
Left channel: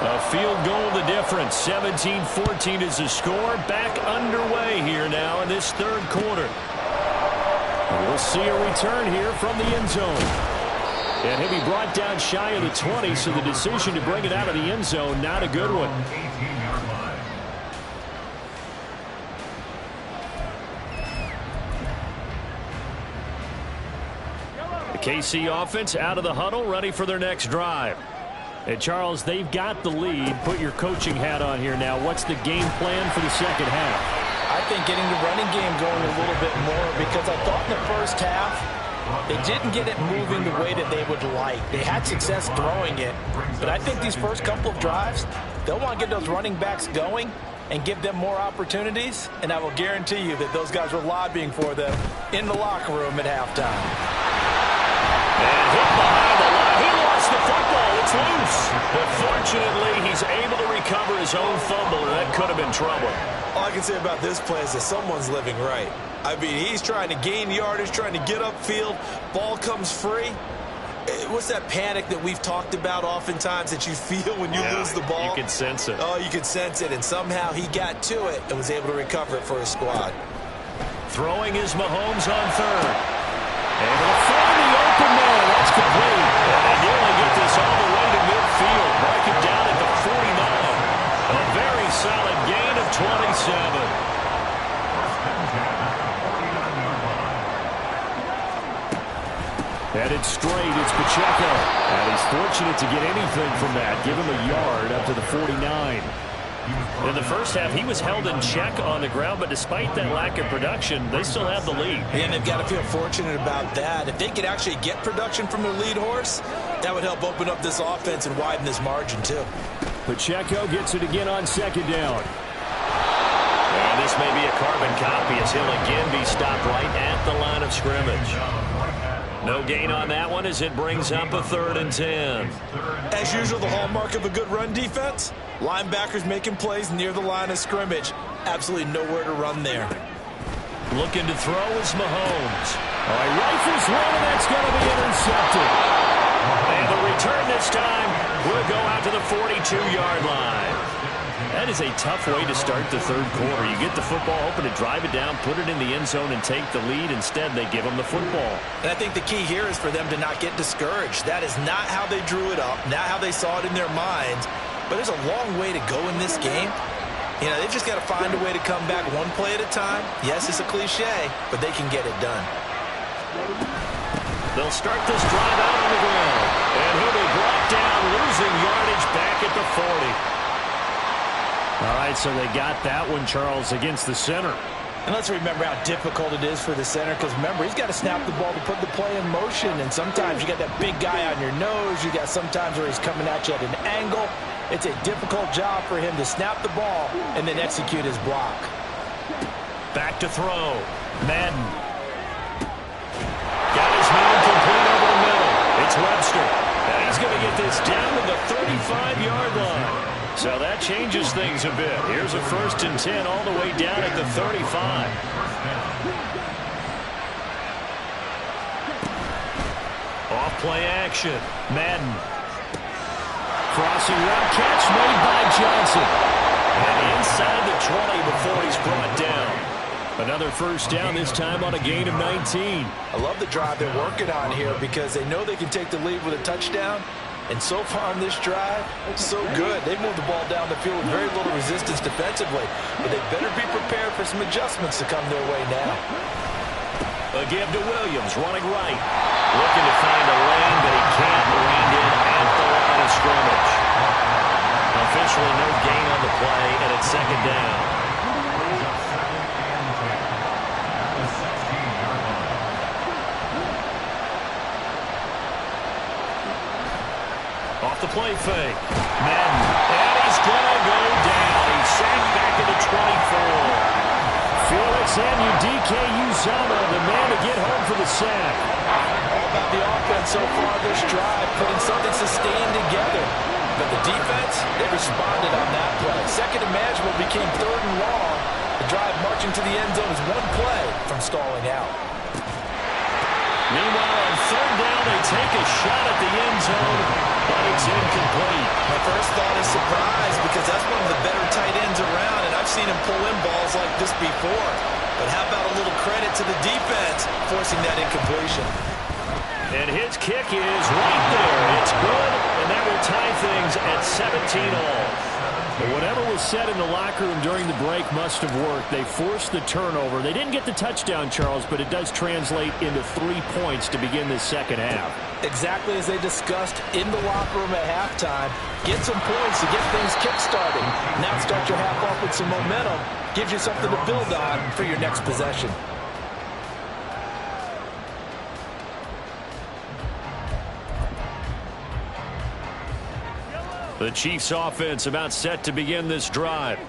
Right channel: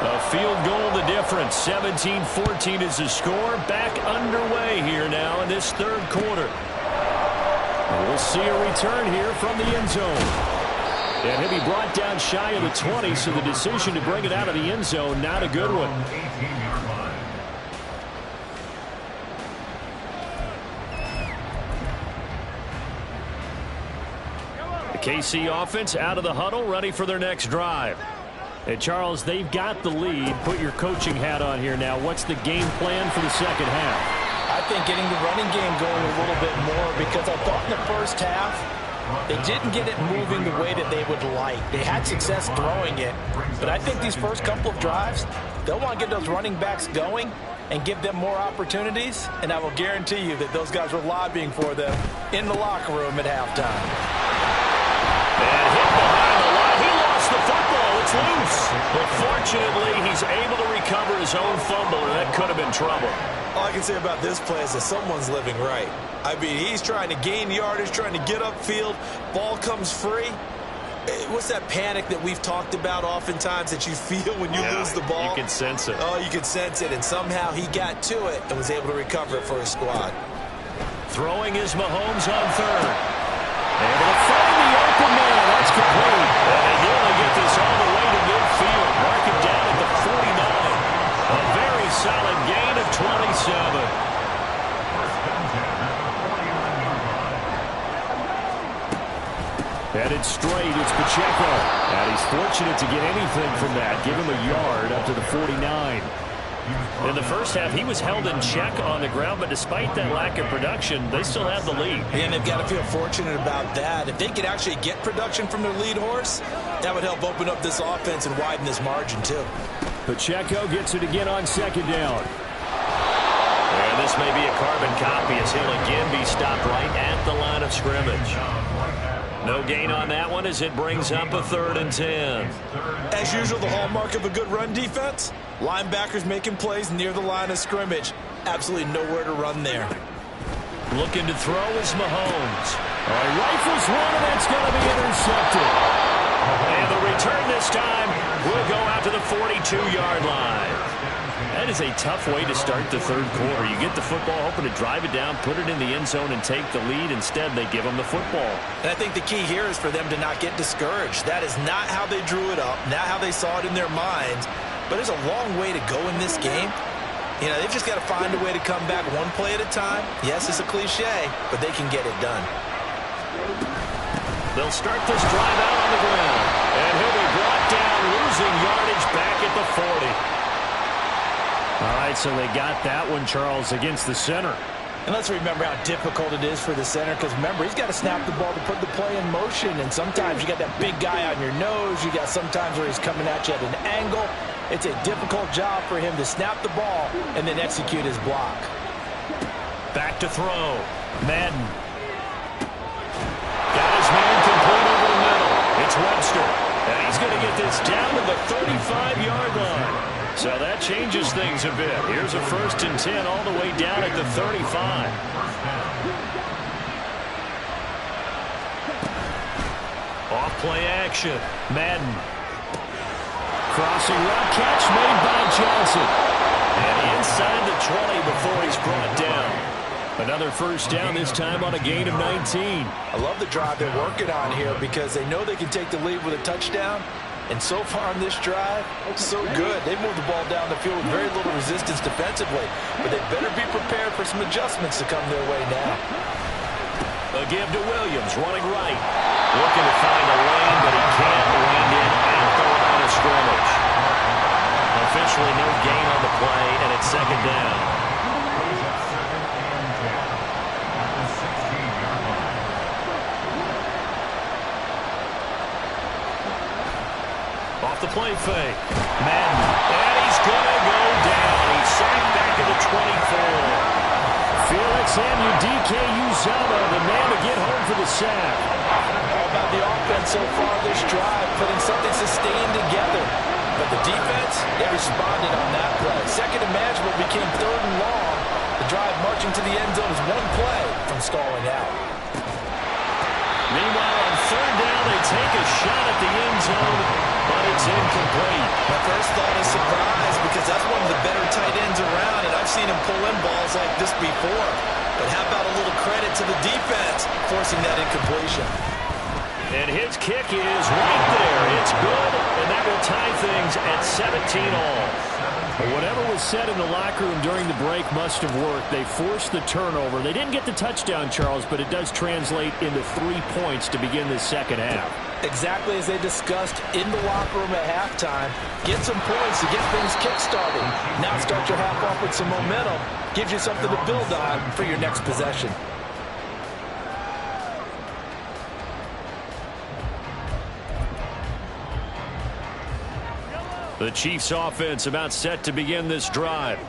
A field goal the difference. 17-14 is the score. Back underway here now in this third quarter. We'll see a return here from the end zone. And he'll be brought down shy of the 20, so the decision to bring it out of the end zone, not a good one. 18-yard line. The KC offense out of the huddle, ready for their next drive. Hey, Charles, they've got the lead. Put your coaching hat on here now. What's the game plan for the second half? I think getting the running game going a little bit more, because I thought in the first half they didn't get it moving the way that they would like. They had success throwing it, but I think these first couple of drives, they'll want to get those running backs going and give them more opportunities, and I will guarantee you that those guys were lobbying for them in the locker room at halftime. And hit behind the line. He lost the football. It's loose. But fortunately, he's able to recover his own fumble, and that could have been trouble. All I can say about this play is that someone's living right. I mean, he's trying to gain yardage, trying to get upfield. Ball comes free. What's that panic that we've talked about oftentimes that you feel when you lose the ball? You can sense it. Oh, you can sense it, and somehow he got to it and was able to recover it for his squad. Throwing is Mahomes on third. Able to find the open man. That's complete. And they nearly get this all the way to midfield. Mark it down at the 49. A very solid gain of 27. Headed straight, it's Pacheco. And he's fortunate to get anything from that. Give him a yard up to the 49. In the first half, he was held in check on the ground, but despite that lack of production, they still have the lead. And they've got to feel fortunate about that. If they could actually get production from their lead horse, that would help open up this offense and widen this margin, too. Pacheco gets it again on second down. And this may be a carbon copy as he'll again be stopped right at the line of scrimmage. No gain on that one as it brings up a 3rd and 10. As usual, the hallmark of a good run defense, linebackers making plays near the line of scrimmage. Absolutely nowhere to run there. Looking to throw is Mahomes. All right, rifles one, and that's going to be intercepted. And the return this time will go out to the 42-yard line. That is a tough way to start the third quarter. You get the football, hoping to drive it down, put it in the end zone, and take the lead. Instead, they give them the football. And I think the key here is for them to not get discouraged. That is not how they drew it up, not how they saw it in their minds. But there's a long way to go in this game. You know, they've just got to find a way to come back one play at a time. Yes, it's a cliche, but they can get it done. They'll start this drive out on the ground. And he'll be brought down, losing yardage back at the 40. All right, so they got that one, Charles, against the center. And let's remember how difficult it is for the center, because remember, he's got to snap the ball to put the play in motion, and sometimes you got that big guy on your nose. You got sometimes where he's coming at you at an angle. It's a difficult job for him to snap the ball and then execute his block. Back to throw. Madden. Got his man complete over the middle. It's Webster. And he's going to get this down to the 35-yard line. So that changes things a bit. Here's a 1st and 10 all the way down at the 35. Off play action. Madden. Crossing route catch made by Johnson. And inside the 20 before he's brought down. Another 1st down, this time on a gain of 19. I love the drive they're working on here because they know they can take the lead with a touchdown. And so far on this drive, so good. They've moved the ball down the field with very little resistance defensively. But they better be prepared for some adjustments to come their way now. A give to Williams, running right. Looking to find a lane, but he can't. Reined in at the line of scrimmage. Officially no gain on the play, and it's 2nd down. Off the play fake. Madden. And he's going to go down. He's sacked back at the 24. Felix Anudike-Uzomah, the man to get home for the sack. All about the offense so far this drive, putting something sustained together. But the defense, they responded on that play. Second and manageable became third and long. The drive marching to the end zone is one play from stalling out. Meanwhile, on third down, they take a shot at the end zone, but it's incomplete. My first thought is surprise, because that's one of the better tight ends around, and I've seen him pull in balls like this before. But how about a little credit to the defense forcing that incompletion? And his kick is right there. It's good, and that will tie things at 17 all. But whatever was said in the locker room during the break must have worked. They forced the turnover. They didn't get the touchdown, Charles, but it does translate into 3 points to begin this second half. Exactly as they discussed in the locker room at halftime. Get some points to get things kick-started. Now start your half off with some momentum. Gives you something to build on for your next possession. The Chiefs offense about set to begin this drive. To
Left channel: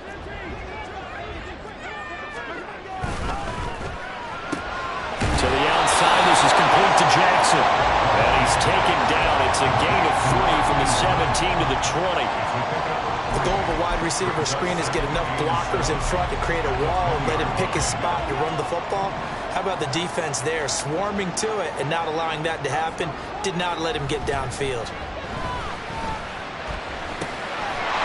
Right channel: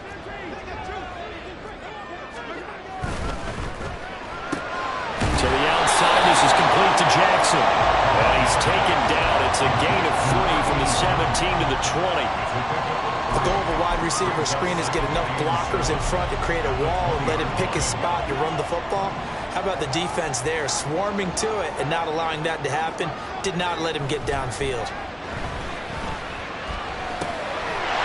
the outside, this is complete to Jackson. And he's taken down. It's a gain of 3 from the 17 to the 20. The goal of a wide receiver screen is get enough blockers in front to create a wall and let him pick his spot to run the football. How about the defense there, swarming to it and not allowing that to happen? Did not let him get downfield.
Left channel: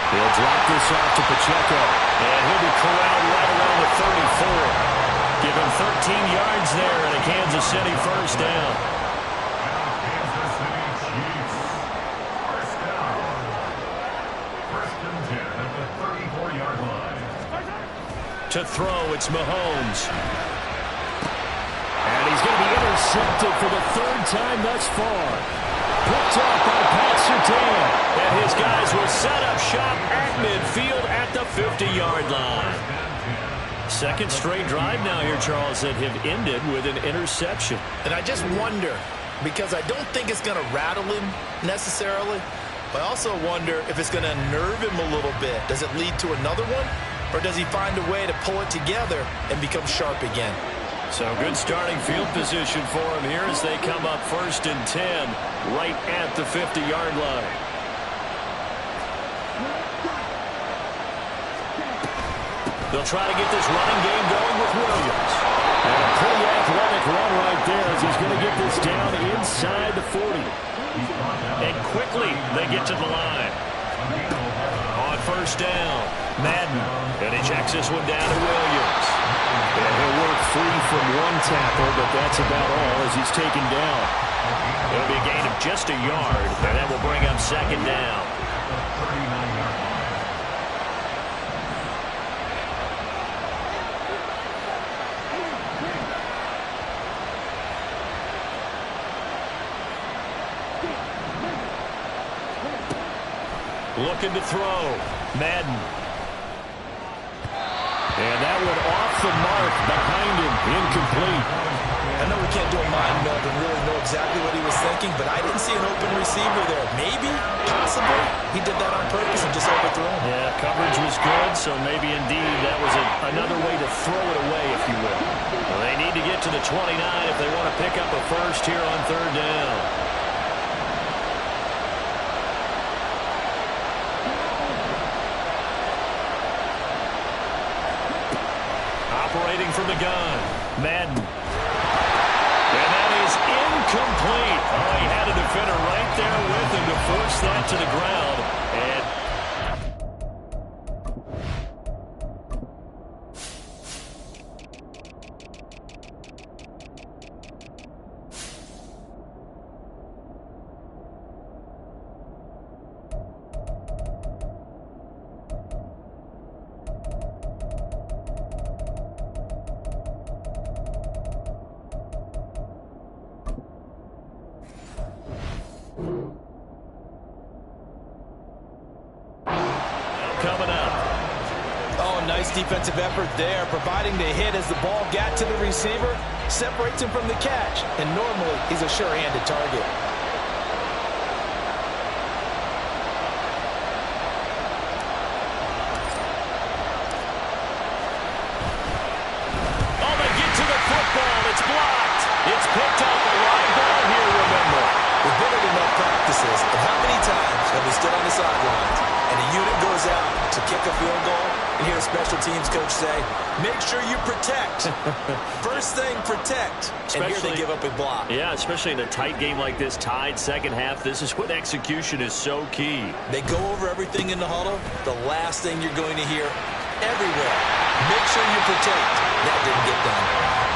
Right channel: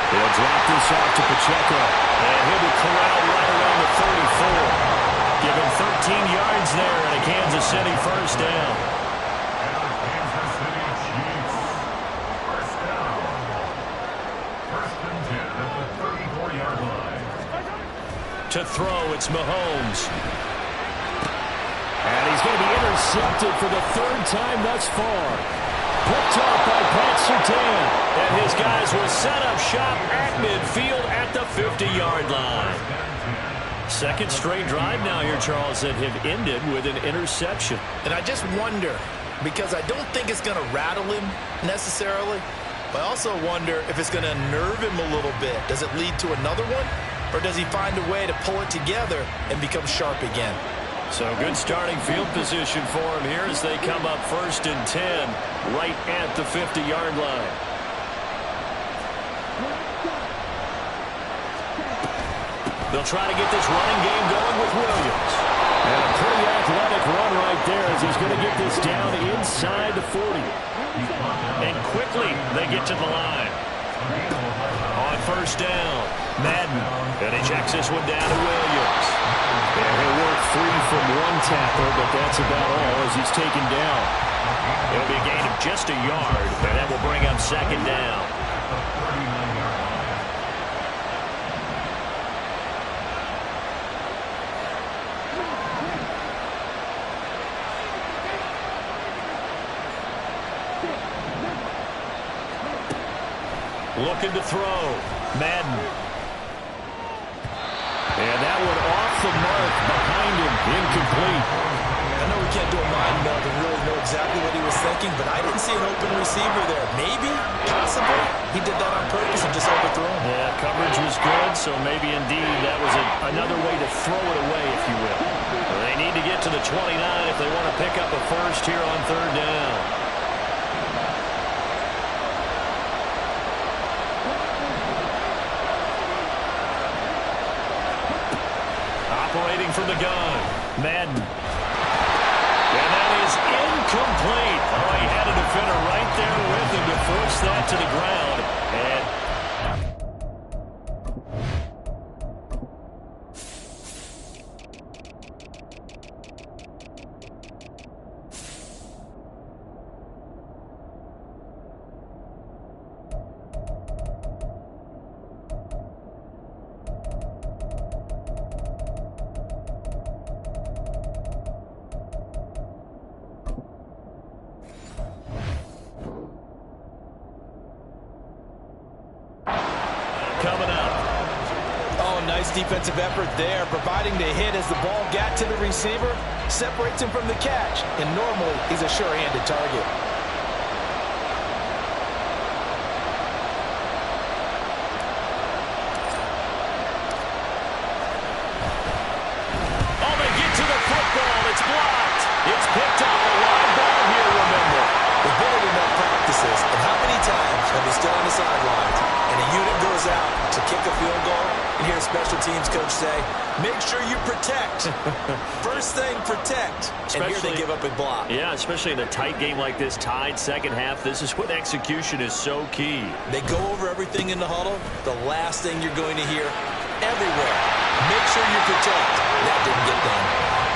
They'll drop this off to Pacheco. And he'll be corralled right around the 34. Give him 13 yards there and a Kansas City first down. Kansas City Chiefs. First down. First and 10 at the 34-yard line. To throw, it's Mahomes. And he's going to be intercepted for the third time thus far. Picked off by Pat Surtain. And his guys will set up shop at midfield at the 50-yard line. Second straight drive now here, Charles, that have ended with an interception. And I just wonder, because I don't think it's going to rattle him necessarily, but I also wonder if it's going to nerve him a little bit. Does it lead to another one? Or does he find a way to pull it together and become sharp again? So good starting field position for him here as they come up first and 10 right at the 50-yard line. They'll try to get this running game going with Williams. And a pretty athletic run right there as he's going to get this down inside the 40. And quickly they get to the line. On first down, Madden. And he checks this one down to Williams. And he'll work free from one tackle, but that's about all as he's taken down. It'll be a gain of just a yard, and that will bring up second down. Looking to throw. Madden. And that one off the mark behind him. Incomplete. I know we can't do a mind meld and really know exactly what he was thinking, but I didn't see an open receiver there. Maybe, possibly, he did that on purpose and just overthrew him. Yeah, coverage was good, so maybe indeed that was another way to throw it away, if you will. Well, they need to get to the 29 if they want to pick up a first here on third down. Operating from the gun, Madden. And that is incomplete. Oh, he had a defender right there with him to force that to the ground. And coming up. Oh, nice defensive effort there, providing the hit as the ball got to the receiver, separates him from the catch, and normally he's a sure-handed target. Oh, they get to the football. It's blocked. It's picked up. A live ball here, remember. We've been in enough practices, and how many times have we stood on the sideline kick a field goal and hear a special teams coach say, make sure you protect. First thing, protect. And here they give up a block. Yeah, especially in a tight game like this, tied second half. This is when execution is so key. They go over everything in the huddle. The last thing you're going to hear everywhere, make sure you protect. That didn't get done.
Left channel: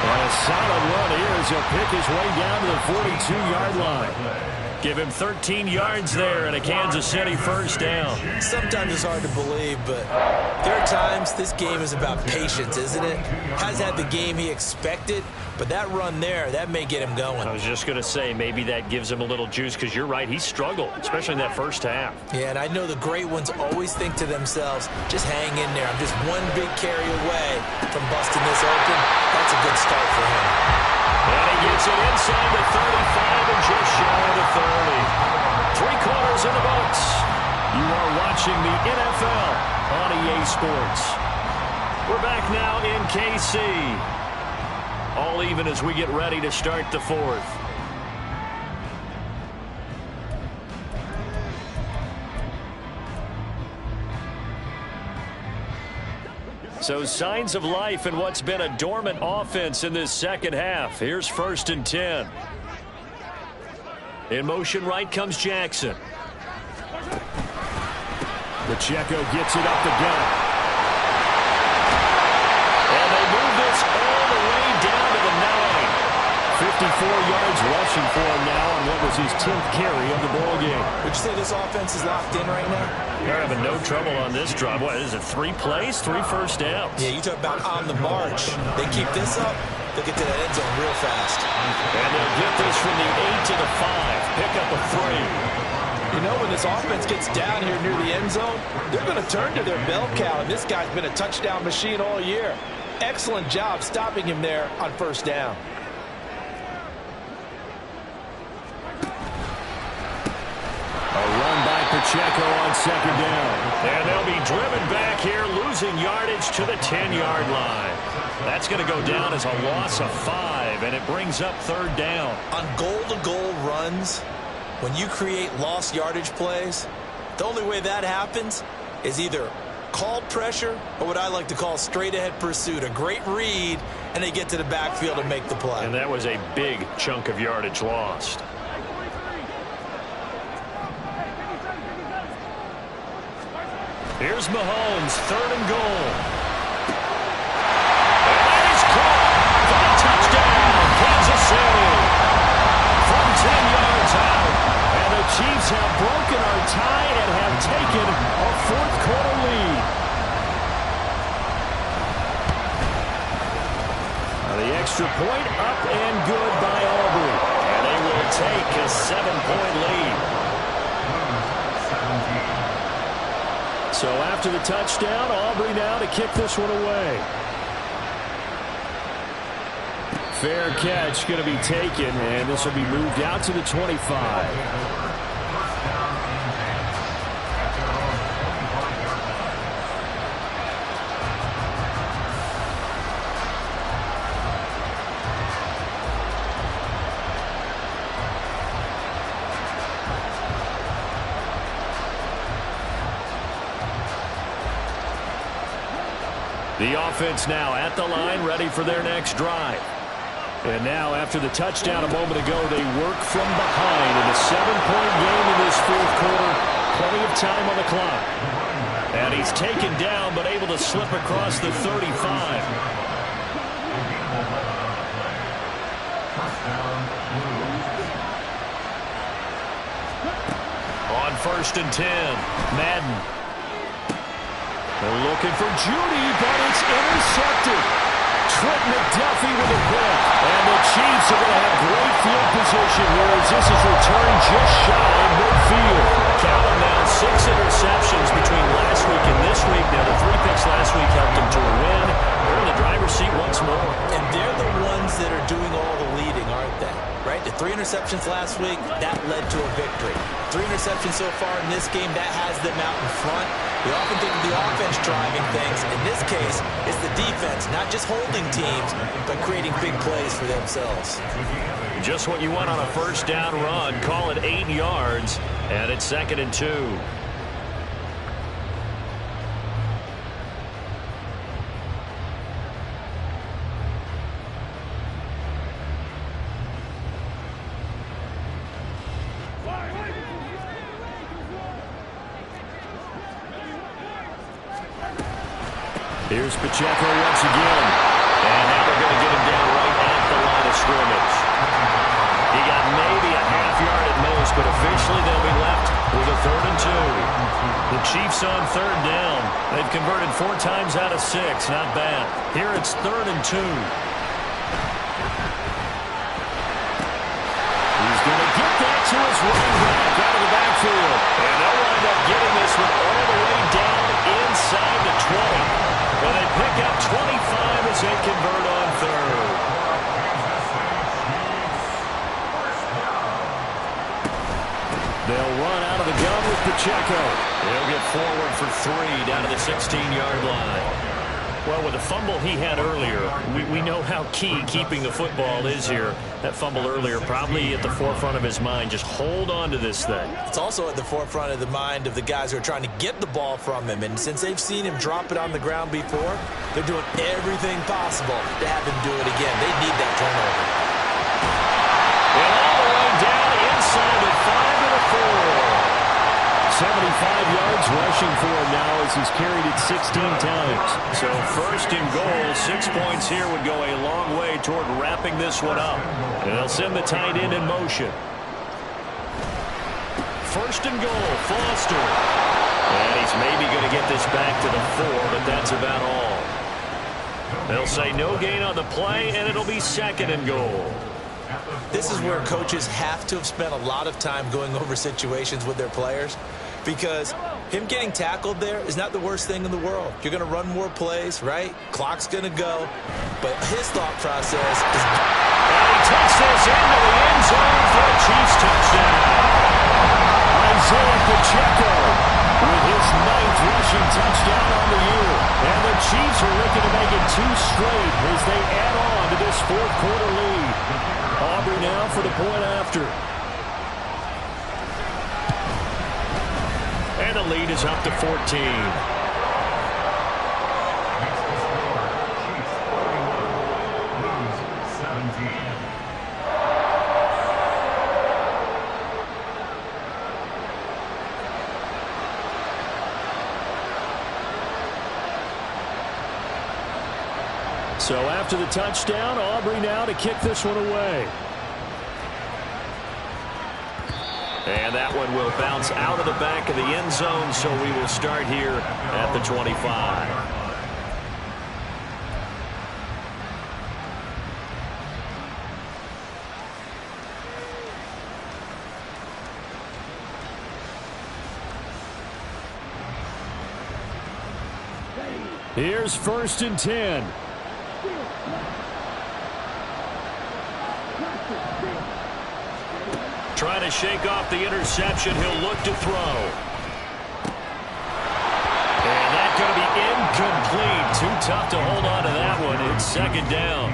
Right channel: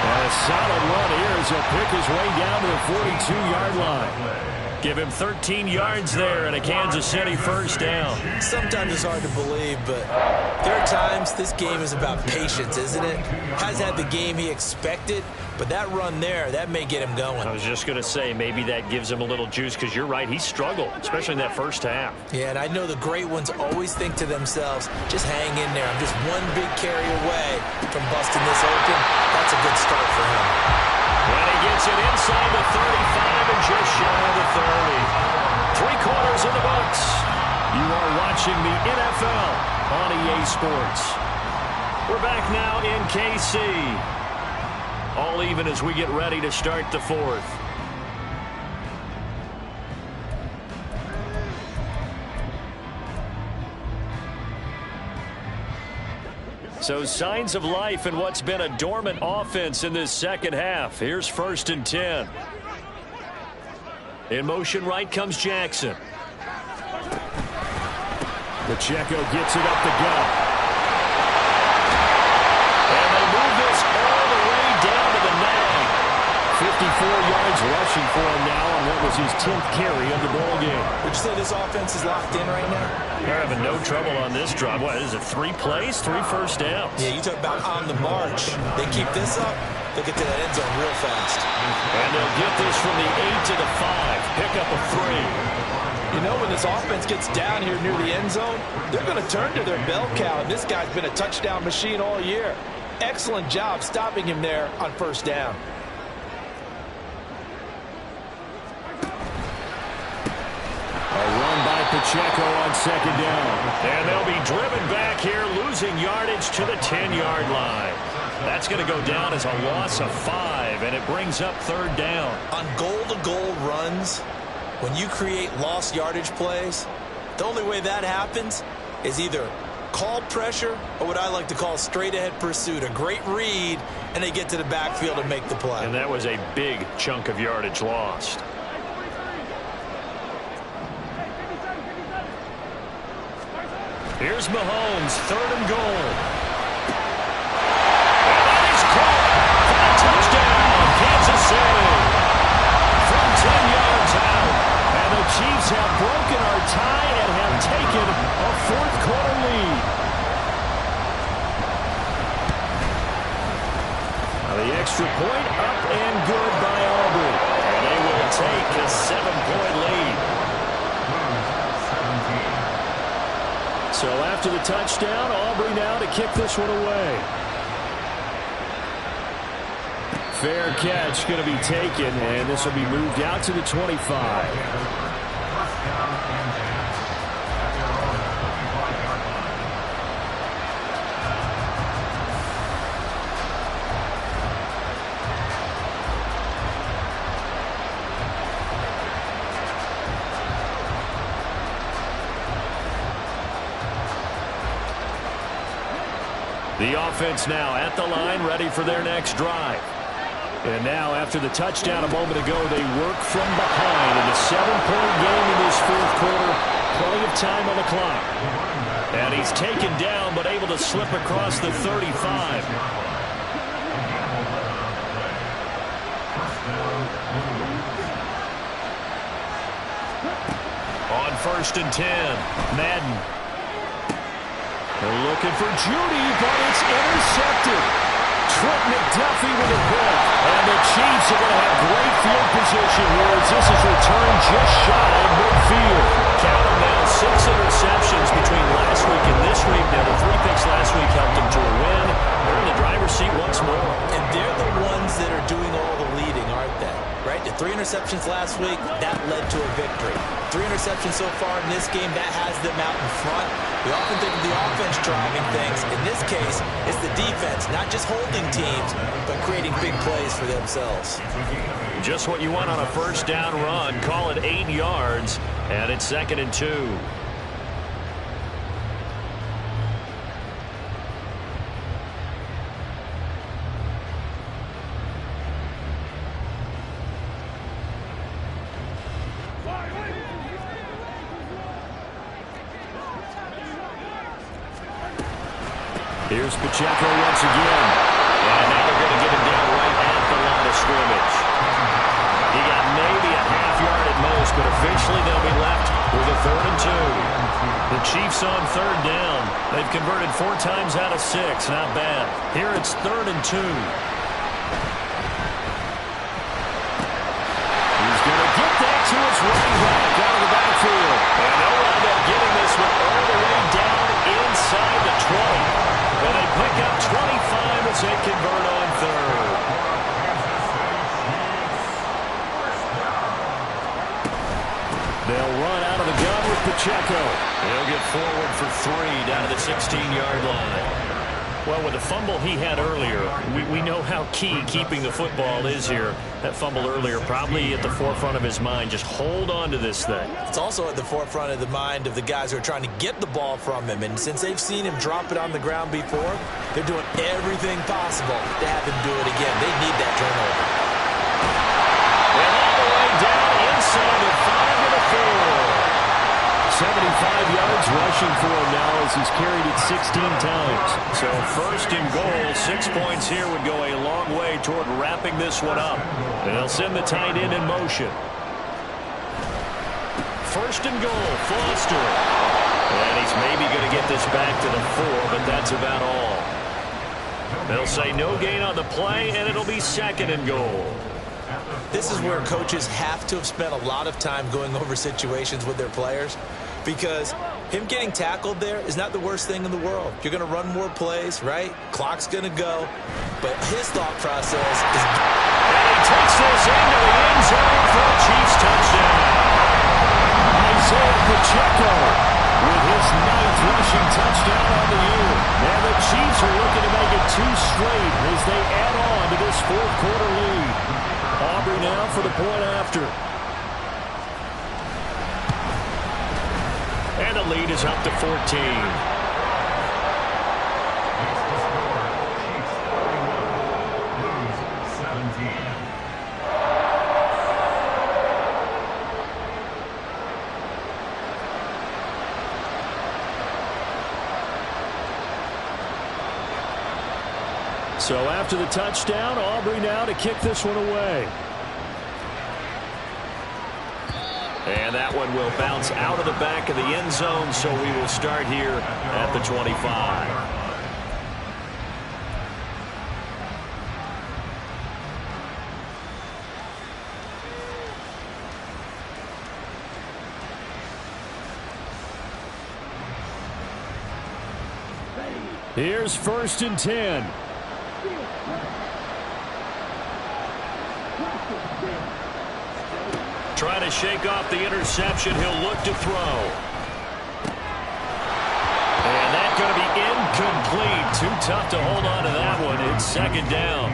And a solid run here as he'll pick his way down to the 42-yard line. Give him 13 yards there and a Kansas City first down. Sometimes it's hard to believe, but there are times this game is about patience, isn't it? Has had the game he expected, but that run there, that may get him going. I was just going to say, maybe that gives him a little juice because you're right, he struggled, especially in that first half. Yeah, and I know the great ones always think to themselves, just hang in there. I'm just one big carry away from busting this open. That's a good start for him. And he gets it inside the 35 and just shy of the 30. 3 quarters in the books. You are watching the NFL on EA Sports. We're back now in KC. All even as we get ready to start the fourth. So signs of life in what's been a dormant offense in this second half. Here's 1st and 10. In motion right comes Jackson. Pacheco gets it up the gut. And they move this all the way down to the 9. 54 yards rushing for him now on what was his 10th carry of the ball game. Would you say this offense is locked in right now? They're having no trouble on this drive. What is it, 3 plays, 3 first downs? Yeah, you talk about on the march. They keep this up, they'll get to that end zone real fast. And they'll get this from the 8 to the 5. Pick up a 3. You know, when this offense gets down here near the end zone, they're going to turn to their bell cow, and this guy's been a touchdown machine all year. Excellent job stopping him there on first down. A run by Pacheco on second down. And they'll be driven back here, losing yardage to the 10-yard line. That's going to go down as a loss of 5, and it brings up 3rd down. On goal-to-goal runs, when you create lost yardage plays, the only way that happens is either called pressure or what I like to call straight-ahead pursuit. A great read, and they get to the backfield and make the play. And that was a big chunk of yardage lost. Here's Mahomes, 3rd and goal. And that is caught for the touchdown, Kansas City. From 10 yards out. And the Chiefs have broken our tie and have taken a 4th quarter lead. Now the extra point up and good by Aubrey. And they will take a 7-point lead. So after the touchdown, Aubrey now to kick this one away. Fair catch going to be taken, and this will be moved out to the 25. The offense now at the line, ready for their next drive. And now, after the touchdown a moment ago, they work from behind in a 7-point game in this 4th quarter. Plenty of time on the clock. And he's taken down, but able to slip across the 35. On 1st and 10, Madden. They're looking for Judy, but it's intercepted. Trent McDuffie with a pick. And the Chiefs are going to have great field position here as this is returned just shy of midfield. Count them now, 6 interceptions between last week and this week. Now, the 3 picks last week helped them to a win. They're in the driver's seat once more. And they're the ones that are doing all the leading, aren't they? Right? The 3 interceptions last week, that led to a victory. 3 interceptions so far in this game, that has them out in front. We often think of the offense driving things. In this case, it's the defense, not just holding teams, but creating big plays for themselves. Just what you want on a first down run. Call it 8 yards, and it's 2nd and 2. Here's Pacheco once again. And now they're going to get him down right at the line of scrimmage. He got maybe a half yard at most, but officially they'll be left with a 3rd and 2. The Chiefs on 3rd down. They've converted 4 times out of 6. Not bad. Here it's 3rd and 2. He's going to get that to his running back out of the backfield. And they'll wind up getting this one all the way down inside the 20. But they pick up 25 as they convert on 3rd. They'll run out of the gun with Pacheco. He'll get forward for 3 down to the 16-yard line. Well, with the fumble he had earlier, we know how key keeping the football is here. That fumble earlier probably at the forefront of his mind. Just hold on to this thing. It's also at the forefront of the mind of the guys who are trying to get the ball from him. And since they've seen him drop it on the ground before, they're doing everything possible to have him do it again. They need that turnover. And all the way down inside the 5 and a 4. 75 yards rushing for him now as he's carried it 16 times. So 1st and goal, 6 points here would go a long way toward wrapping this one up. And they'll send the tight end in motion. 1st and goal, Foster. And he's maybe going to get this back to the 4, but that's about all. They'll say no gain on the play, and it'll be 2nd and goal. This is where coaches have to have spent a lot of time going over situations with their players, because him getting tackled there is not the worst thing in the world. You're going to run more plays, right? Clock's going to go. But his thought process is... And he takes this into the end zone for a Chiefs touchdown. Isaiah Pacheco with his 9th rushing touchdown on the year. And the Chiefs are looking to make it 2 straight as they add on to this 4th quarter lead. Aubrey now for the point after. And the lead is up to 14. Makes the score Chiefs 41, lose 17. So after the touchdown, Aubrey now to kick this one away. And that one will bounce out of the back of the end zone, so we will start here at the 25. Here's 1st and 10. Trying to shake off the interception. He'll look to throw. And that's going to be incomplete. Too tough to hold on to that one. It's 2nd down.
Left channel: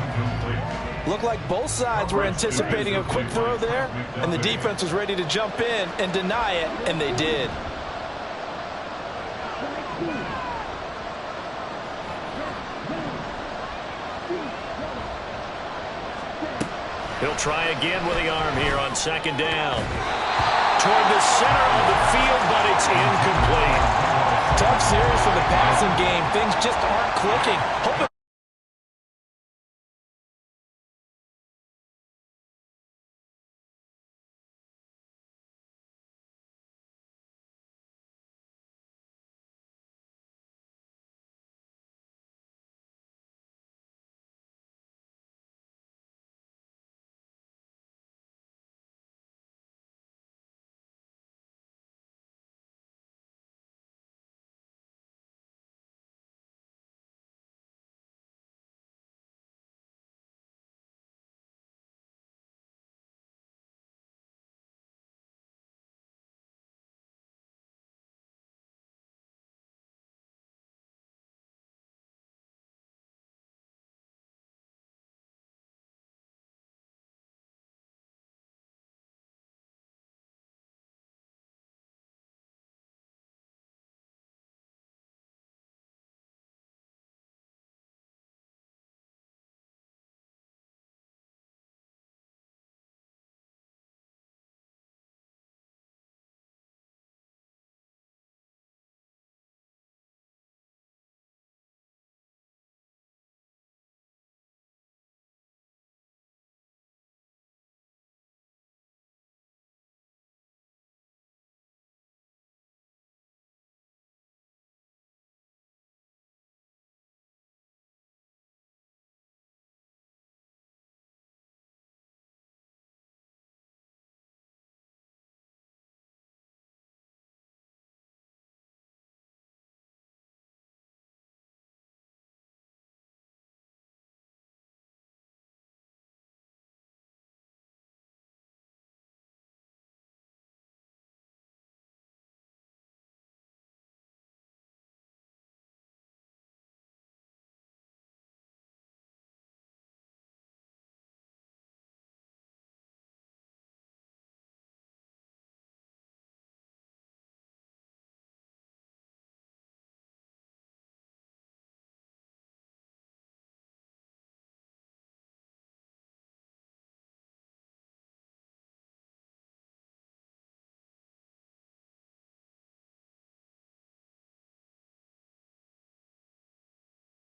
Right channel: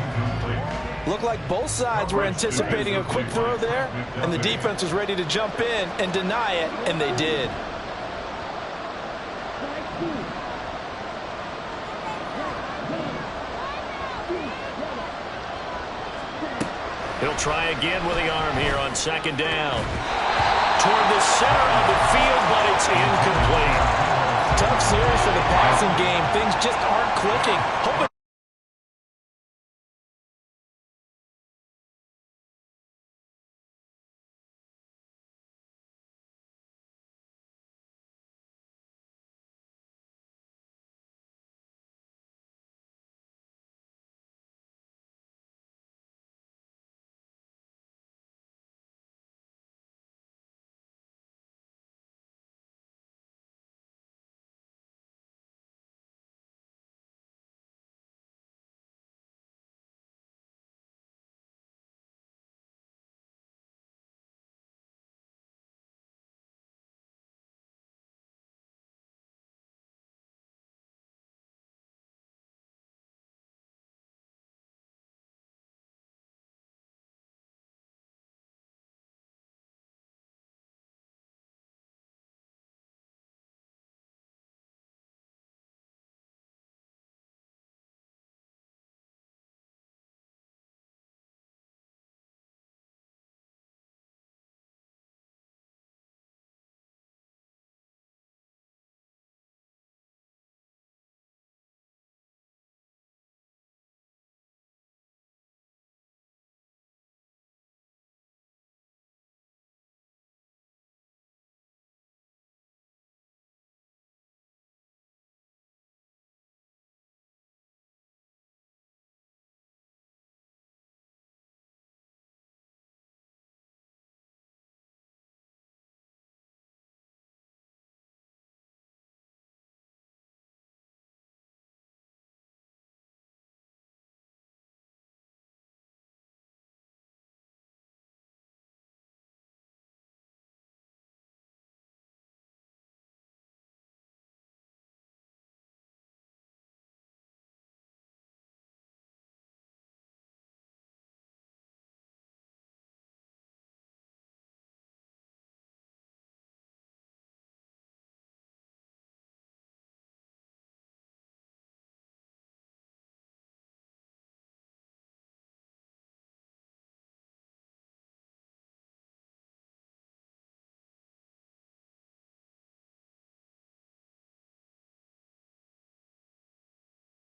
Looked like both sides were anticipating a quick throw there, and the defense was ready to jump in and deny it, and they did. He'll try again with the arm here on 2nd down. Toward the center of the field, but it's incomplete. Tough series for the passing game. Things just aren't clicking. Hoping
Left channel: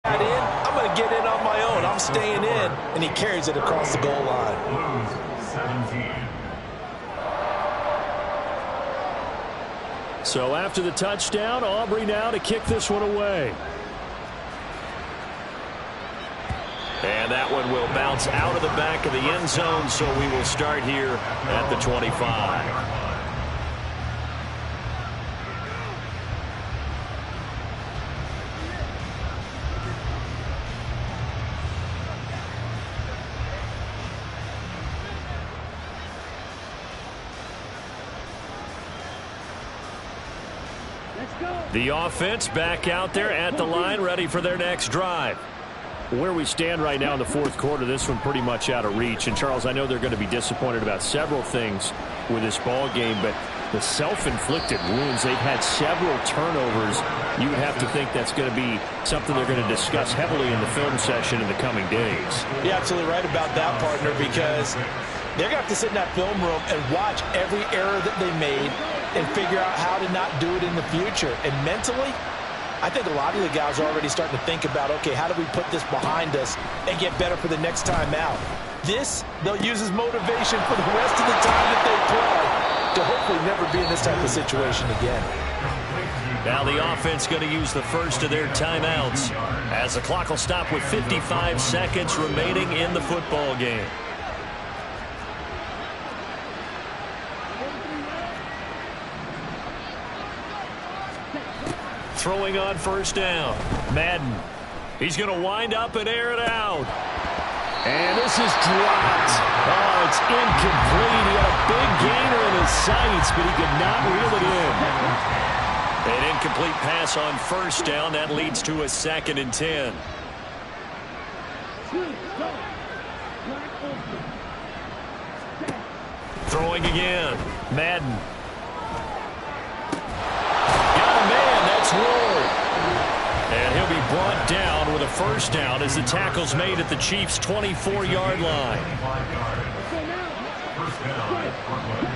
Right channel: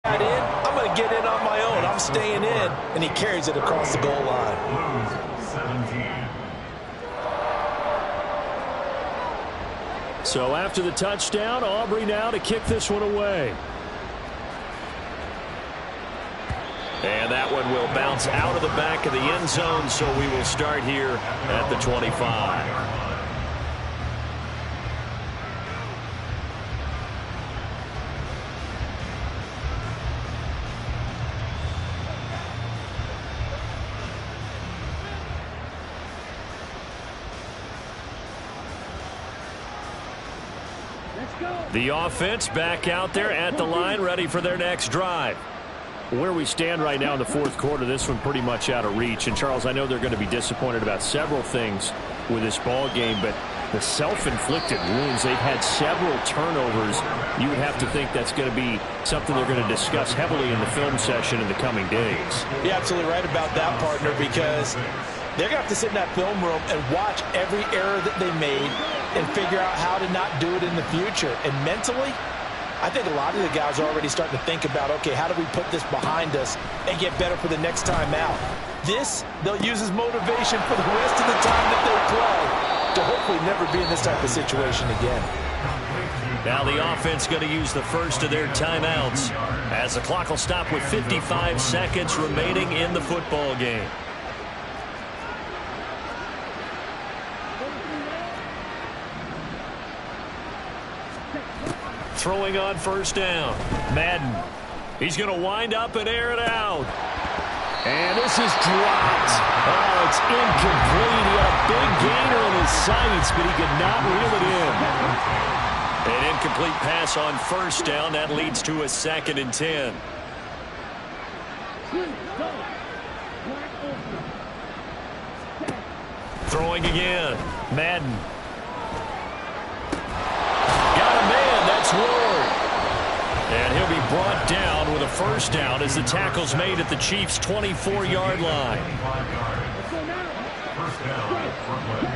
got in, I'm going to get in on my own. I'm staying in, and he carries it across the goal line. Lose 17. So after the touchdown, Aubrey now to kick this one away. And that one will bounce out of the back of the end zone, so we will start here at the 25. The offense back out there at the line, ready for their next drive. Where we stand right now in the fourth quarter, this one pretty much out of reach. And, Charles, I know they're going to be disappointed about several things with this ball game, but the self-inflicted wounds, they've had several turnovers. You would have to think that's going to be something they're going to discuss heavily in the film session in the coming days. You're absolutely right about that, partner, because they're going to have to sit in that film room and watch every error that they made and figure out how to not do it in the future. And mentally, I think a lot of the guys are already starting to think about, okay, how do we put this behind us and get better for the next time out? This, they'll use as motivation for the rest of the time that they play to hopefully never be in this type of situation again. Now the offense going to use the first of their timeouts as the clock will stop with 55 seconds remaining in the football game. Throwing on first down. Madden. He's going to wind up and air it out. And this is dropped. Oh, it's incomplete. He had a big gainer in his sights, but he could not reel it in. An incomplete pass on first down. That leads to a 2nd and 10. Throwing again. Madden. Got a man. That's Ward. And he'll be brought down with a first down as the tackle's made at the Chiefs' 24-yard line. 25 yards. First down, Brooklyn.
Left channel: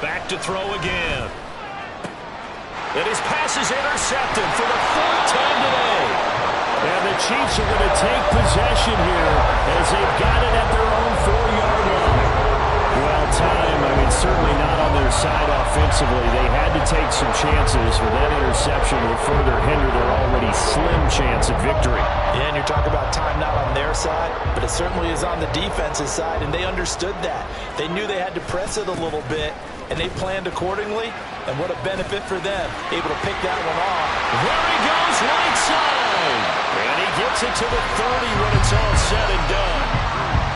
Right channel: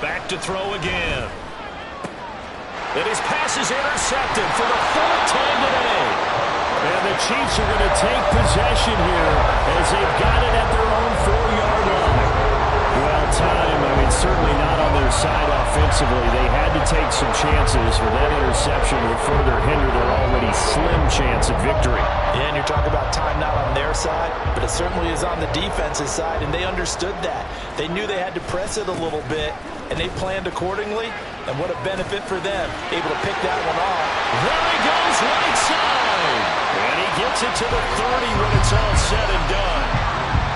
Back to throw again. And his pass is intercepted for the 4th time today. And the Chiefs are going to take possession here as they've got it at their own 4-yard line. Well, time, I mean, certainly not on their side offensively. They had to take some chances, for that interception will further hinder their already slim chance at victory. Yeah, and you're talking about time not on their side, but it certainly is on the defense's side, and they understood that. They knew they had to press it a little bit, and they planned accordingly, and what a benefit for them, able to pick that one off. There he goes, right side. And he gets it to the 30 when it's all said and done.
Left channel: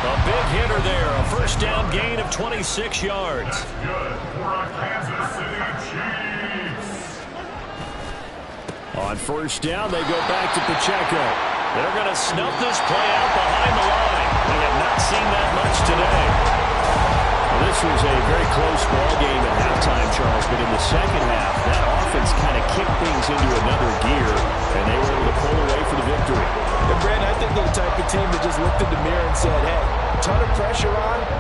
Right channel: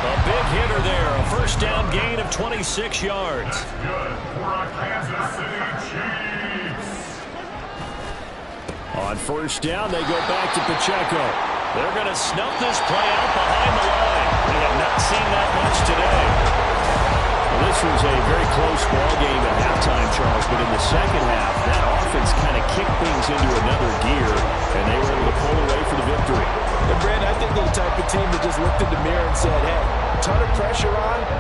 A big hitter there, a first down gain of 26 yards. That's good for our Kansas City Chiefs. On first down, they go back to Pacheco. They're going to snuff this play out behind the line. We have not seen that much today. Well, this was a very close ball game at halftime, Charles, but in the second half, that offense kind of kicked things into another gear, and they were able to pull away for the victory. And, Brandon, I think they're the type of team that just looked in the mirror and said, hey, ton of pressure on,